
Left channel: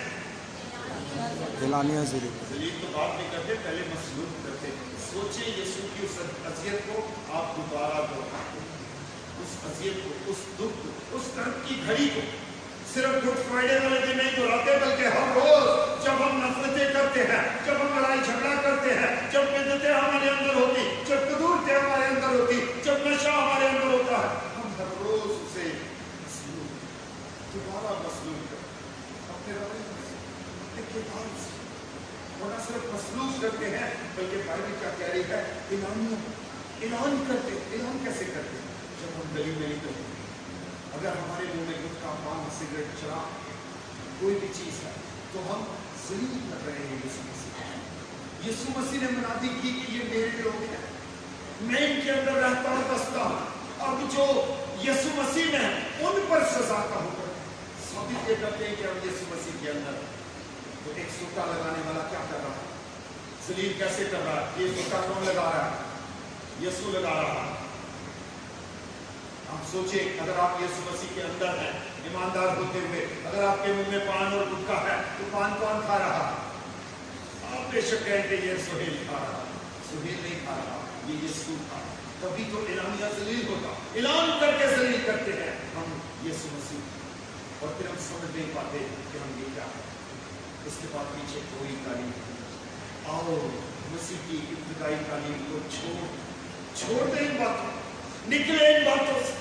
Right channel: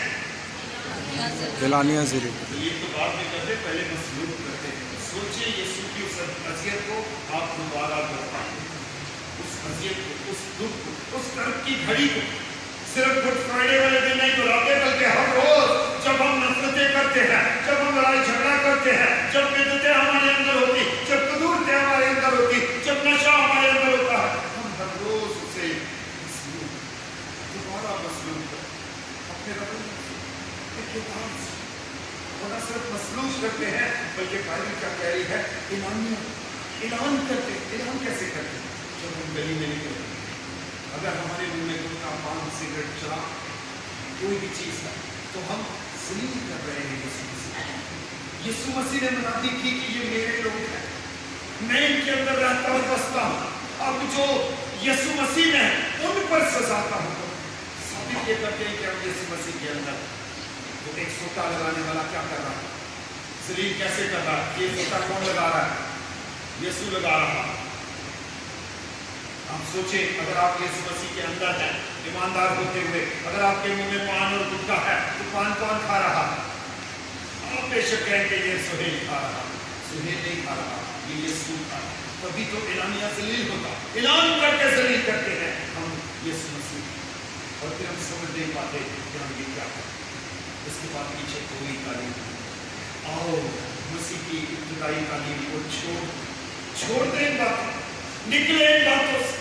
एलानिया जलील। तो बाद में करते, पहले मसलूब करते। सोचिए यीशु की उस अज़ियत को आप दोबारा दोहरा, उस अज़ियत को, उस दुख को, उस कर्ब की घड़ी को सिर्फ गुड फ्राइडे वाले दिन नहीं दोहराते, बल्कि हर रोज जब हम नफरतें करते हैं, जब हम लड़ाई झगड़ा करते हैं, जब बिदअतें हमारे अंदर होती, जब कदूरतें हमारे अंदर होती, जब नशा हमारे अंदर होता है, हम हर रोज उसे दोबारा मसलूब अपने रवैये न सिर्फ मसलूब करते हैं, बल्कि बाइबल क्या कह रही है? ऐलान करते। ऐलान कैसे करते? जब हम गली में निकलते, अगर हमारे मुंह में गुटखा, पान, सिगरेट, शराब, कोई भी चीज है, तो हम जलील कर रहे हैं यीशु मसीह। यीशु मसीह ने मुनादी की कि ये मेरे लोग हैं, मैं इनके अंदर रहता हूँ, बसता हूँ। अब जो यीशु मसीह में है उन पर सजाता हूँ। सभी ये करते हैं कि हम यीशु मसीह के अंदर। तो एक सोता लगाने वाला क्या कर रहा है? जलील कैसे कर रहा है? ये सोता कौन लगा रहा है? यीशु लगा रहा है। आप सोचे, अगर आप यीशु मसीह के अंदर हैं, ईमानदार होते हुए, अगर आपके मुंह में पान और गुटखा है, तो पान कौन खा रहा है? आप बेशक कहें कि ये सुहेल खा रहा, सुहेल नहीं खा रहा, ये यीशु खा रहा। तभी तो एलानिया जलील होता। ऐलान करके जलील करते हैं हम यीशु मसीह, और फिर हम समझ नहीं पाते कि हम ये क्या है। इसके बाद पीछे कोई तालीम नहीं। आओ मसीह की इब्तिदाई तालीम को छोड़ दें इन बातों, निकले इन बातों से,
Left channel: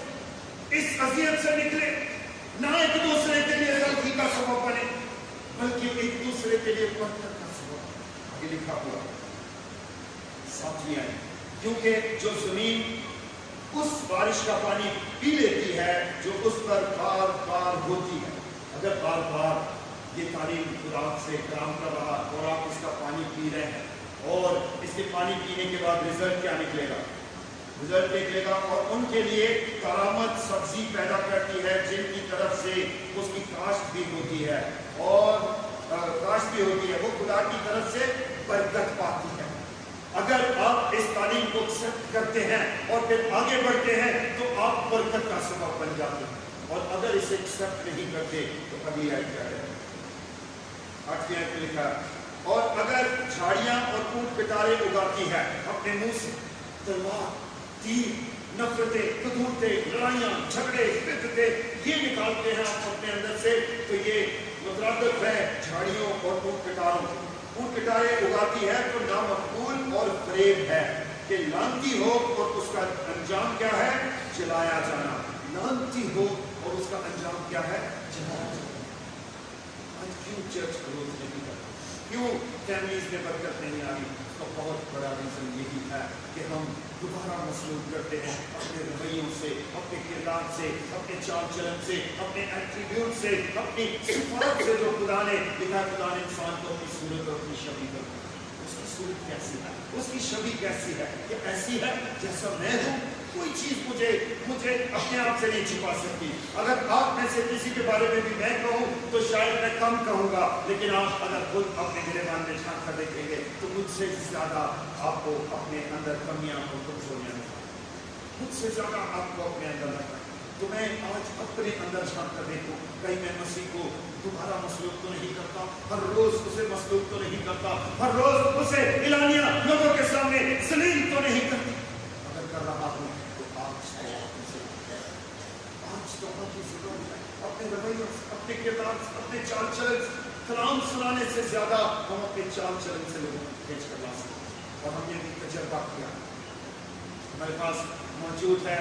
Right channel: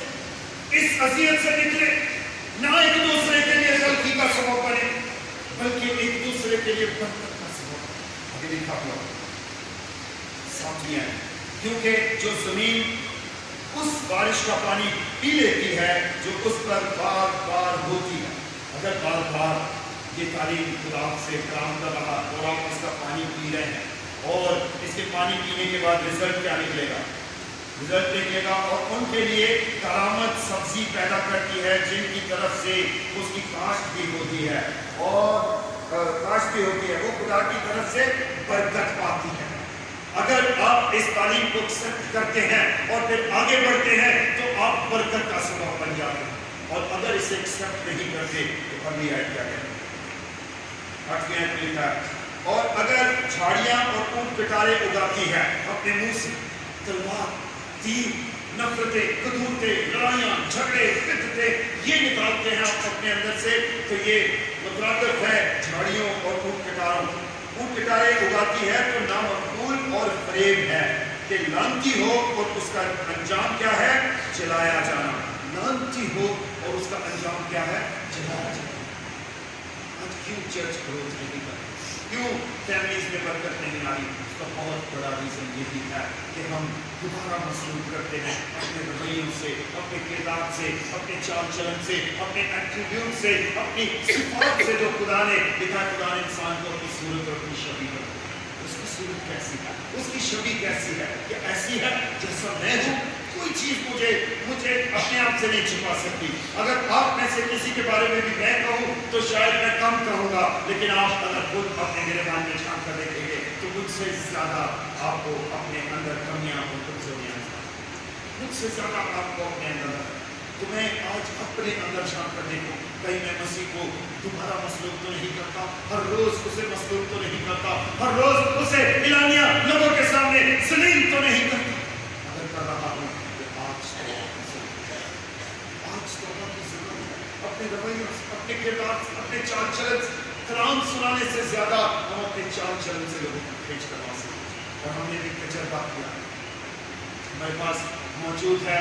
इस अज़ियत से निकले। ना एक दूसरे के लिए गलती का सबब बने, बल्कि एक दूसरे के लिए बरकत का सबब। आगे लिखा हुआ साथियां हैं, क्योंकि जो जमीन उस बारिश का पानी पी लेती है जो उस पर बार बार होती है। अगर बार बार ये तालीम खुदा से काम कर रहा और आप इसका पानी पी रहे हैं, और इसके पानी पीने के बाद रिजल्ट क्या निकलेगा? रिजल्ट निकलेगा और उनके लिए करामत सब्जी पैदा करती है, जिनकी तरफ से उसकी काश्त भी होती है, और काश्त भी होती है, वो खुदा की तरफ से बरकत पाती है। अगर आप इस तालीम को एक्सेप्ट करते हैं और फिर आगे बढ़ते हैं, तो आप बरकत का सबब बन जाते हैं। और अगर इसे एक्सेप्ट नहीं करते, तो अगली आयत क्या कहती है? 8वीं आयत में लिखा है, और अगर झाड़ियां और ऊंट पिटारे उगाती है, अपने मुंह से तलवार, तीर, नफरतें, कदूरतें, लड़ाइयां, झगड़े, बिदअतें ये निकालते हैं आप अपने अंदर से, तो ये मुतरादिफ है झाड़ियों और ऊंट पिटारों। ऊंट पिटारे उगाती है तो नामकबूल और फरेब है कि लानती हो, और उसका अंजाम क्या है? जलाया जाना। लानती हो और उसका अंजाम क्या है? जलाया जाना। क्यों चर्च ग्रोथ नहीं कर, क्यों फैमिलीज में बरकत नहीं आ रही? उसका बहुत बड़ा रीजन ये भी है कि हम दोबारा मसलूब करते हैं अपने रवैयों से, अपने किरदार से, अपने चाल चलन से, अपने एट्रीब्यूट से, अपनी सिफात से जो खुदा ने लिखा। खुदा ने इंसान को अपनी सूरत और अपनी छवि में, उसकी सूरत कैसी है, उसकी छवि कैसी है कि ऐसी है जैसा मैं हूँ। कोई चीज मुझे अपने आप से नहीं छुपा सकती। अगर आप में से किसी के बारे में भी मैं कहूँ तो शायद मैं कम कहूँगा, लेकिन आप अगर खुद अपने गिरबान में झांक कर देखेंगे तो मुझसे ज्यादा आपको अपने अंदर कमियां और कमजोरियां, मुझसे ज्यादा आपको अपने अंदर तुम्हें आज अपने अंदर झांक कर देखो, कहीं मैं मसीह को तुम्हारा मसलूक तो नहीं करता, हर रोज उसे मसलूक तो नहीं करता, हर रोज उसे इलानिया लोगों के सामने जलील तो नहीं करता। अगर कर रहा हूं तो आज तो की जरूरत है। अपने रवैयों, अपने किरदार, अपने चाल चलन, कलाम सुनाने से ज्यादा हम अपने चाल चलन से लोगों को खींच करवा सकते। और हमने भी तजर्बा किया, हमारे पास मौजूद है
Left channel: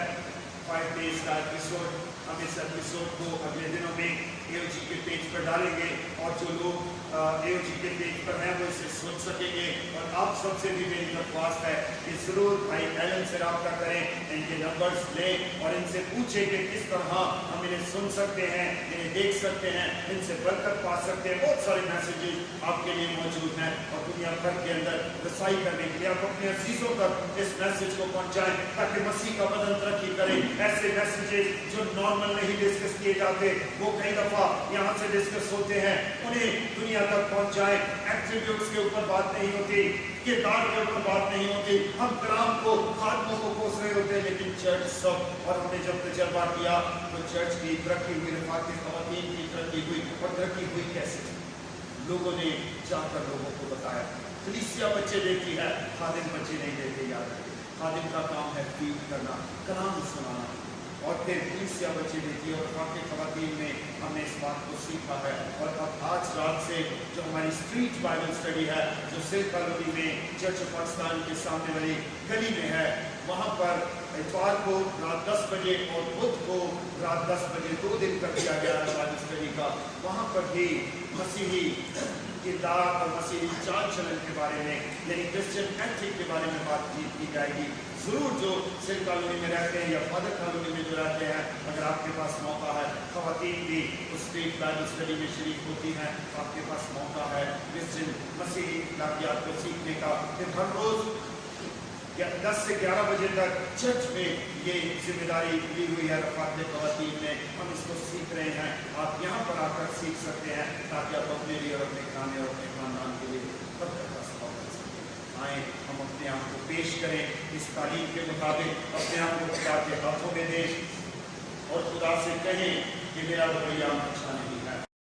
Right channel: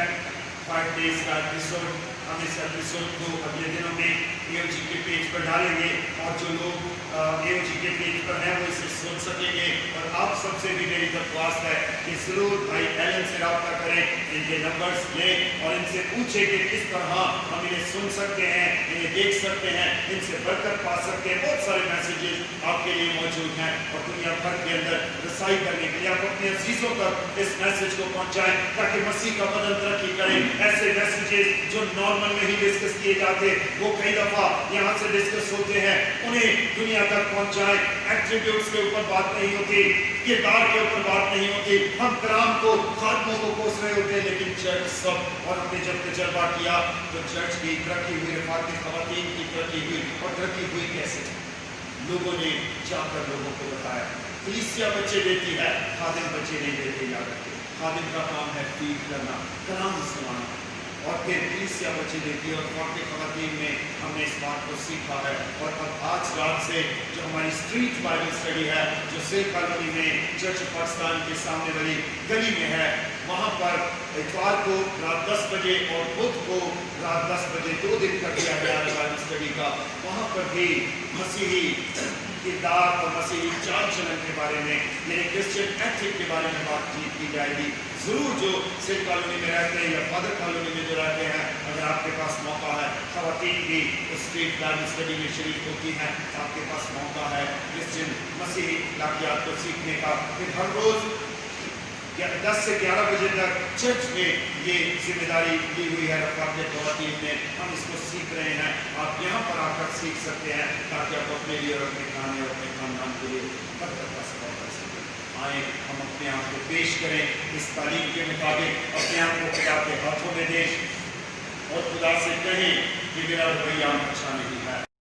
5 days का एपिसोड। हम इस एपिसोड को अगले दिनों में AOG के पेज पर डालेंगे और जो लोग AOG के पेज पर हैं वो इसे सुन सकेंगे। और आप सबसे भी मेरी दरख्वास्त है कि जरूर भाई एलन से रब्ता करें, इनके नंबर्स लें और इनसे पूछें कि किस तरह हम इन्हें सुन सकते हैं, इन्हें देख सकते हैं, इनसे बरकत पा सकते हैं। बहुत सारे मैसेजेस आपके लिए मौजूद हैं और दुनिया भर के अंदर रसाई करने के लिए आप अपने अजीजों तक इस मैसेज को पहुंचाएं ताकि मसीह का बदन तरक्की करे। ऐसे मैसेजेस जो नॉर्मल नहीं डिस्कस किए जाते, वो कई दफा यहाँ से डिस्कस होते हैं, उन्हें दुनिया तक पहुंचाएं। एट्रीब्यूट्स के ऊपर बात नहीं होती, किरदार के ऊपर बात नहीं होती, हम कलाम को, खादमों को कोस रहे होते हैं, लेकिन चर्च सब। और हमने जब तजर्बा किया तो चर्च की तरक्की हुई, रफाकत ख़वातीन की तरक्की हुई। और तरक्की हुई कैसे? लोगों ने जाकर लोगों को बताया। कलीसिया बच्चे देती है, खादिम बच्चे नहीं देते जाकर। खादिम का काम है फीड करना, कलाम सुनाना, और फिर कलीसिया बच्चे देती है। और काफ़ी ख़वातीन में हमने इस बात को सीखा है। और अब आज रात से जो हमारी स्ट्रीट बाइबल स्टडी है, जो सिल्क कॉलोनी में चर्च ऑफ पाकिस्तान के सामने वाली गली में है, वहाँ पर इतवार को रात 10 बजे और बुध को रात 10 बजे 2 दिन तक किया गया है बाइबल स्टडी का। वहाँ पर भी मसीही किरदार और मसीही चाल चलन के बारे में, यानी क्रिश्चियन एथिक के बारे में बातचीत की जाएगी। जरूर जो सिल्क कॉलोनी में रहते हैं या फादर कॉलोनी में जो रहते हैं, अगर आपके पास मौका है, ख़वातीन भी उस स्ट्रीट बाइबल स्टडी में शरीक होती हैं, आपके पास मौका है क्रिश्चियन मसीही वाक़यात को सीखने का। फिर हर रोज़ 10 से 11 बजे तक चर्च में ये जिम्मेदारी दी हुई है रफ़ाकत ख़वातीन ने, हम इसको सीख रहे हैं। आप यहाँ पर आकर सीख सकते हैं ताकि आप अपने लिए और अपने खाने और अपने खानदान के लिए बरकत का सबब कर सकें। आए हम अपने आप को पेश करें इस तालीम के मुताबिक, अपने आप को खुदा के हाथों में दें और खुदा से कहें कि मेरा रवैया अच्छा नहीं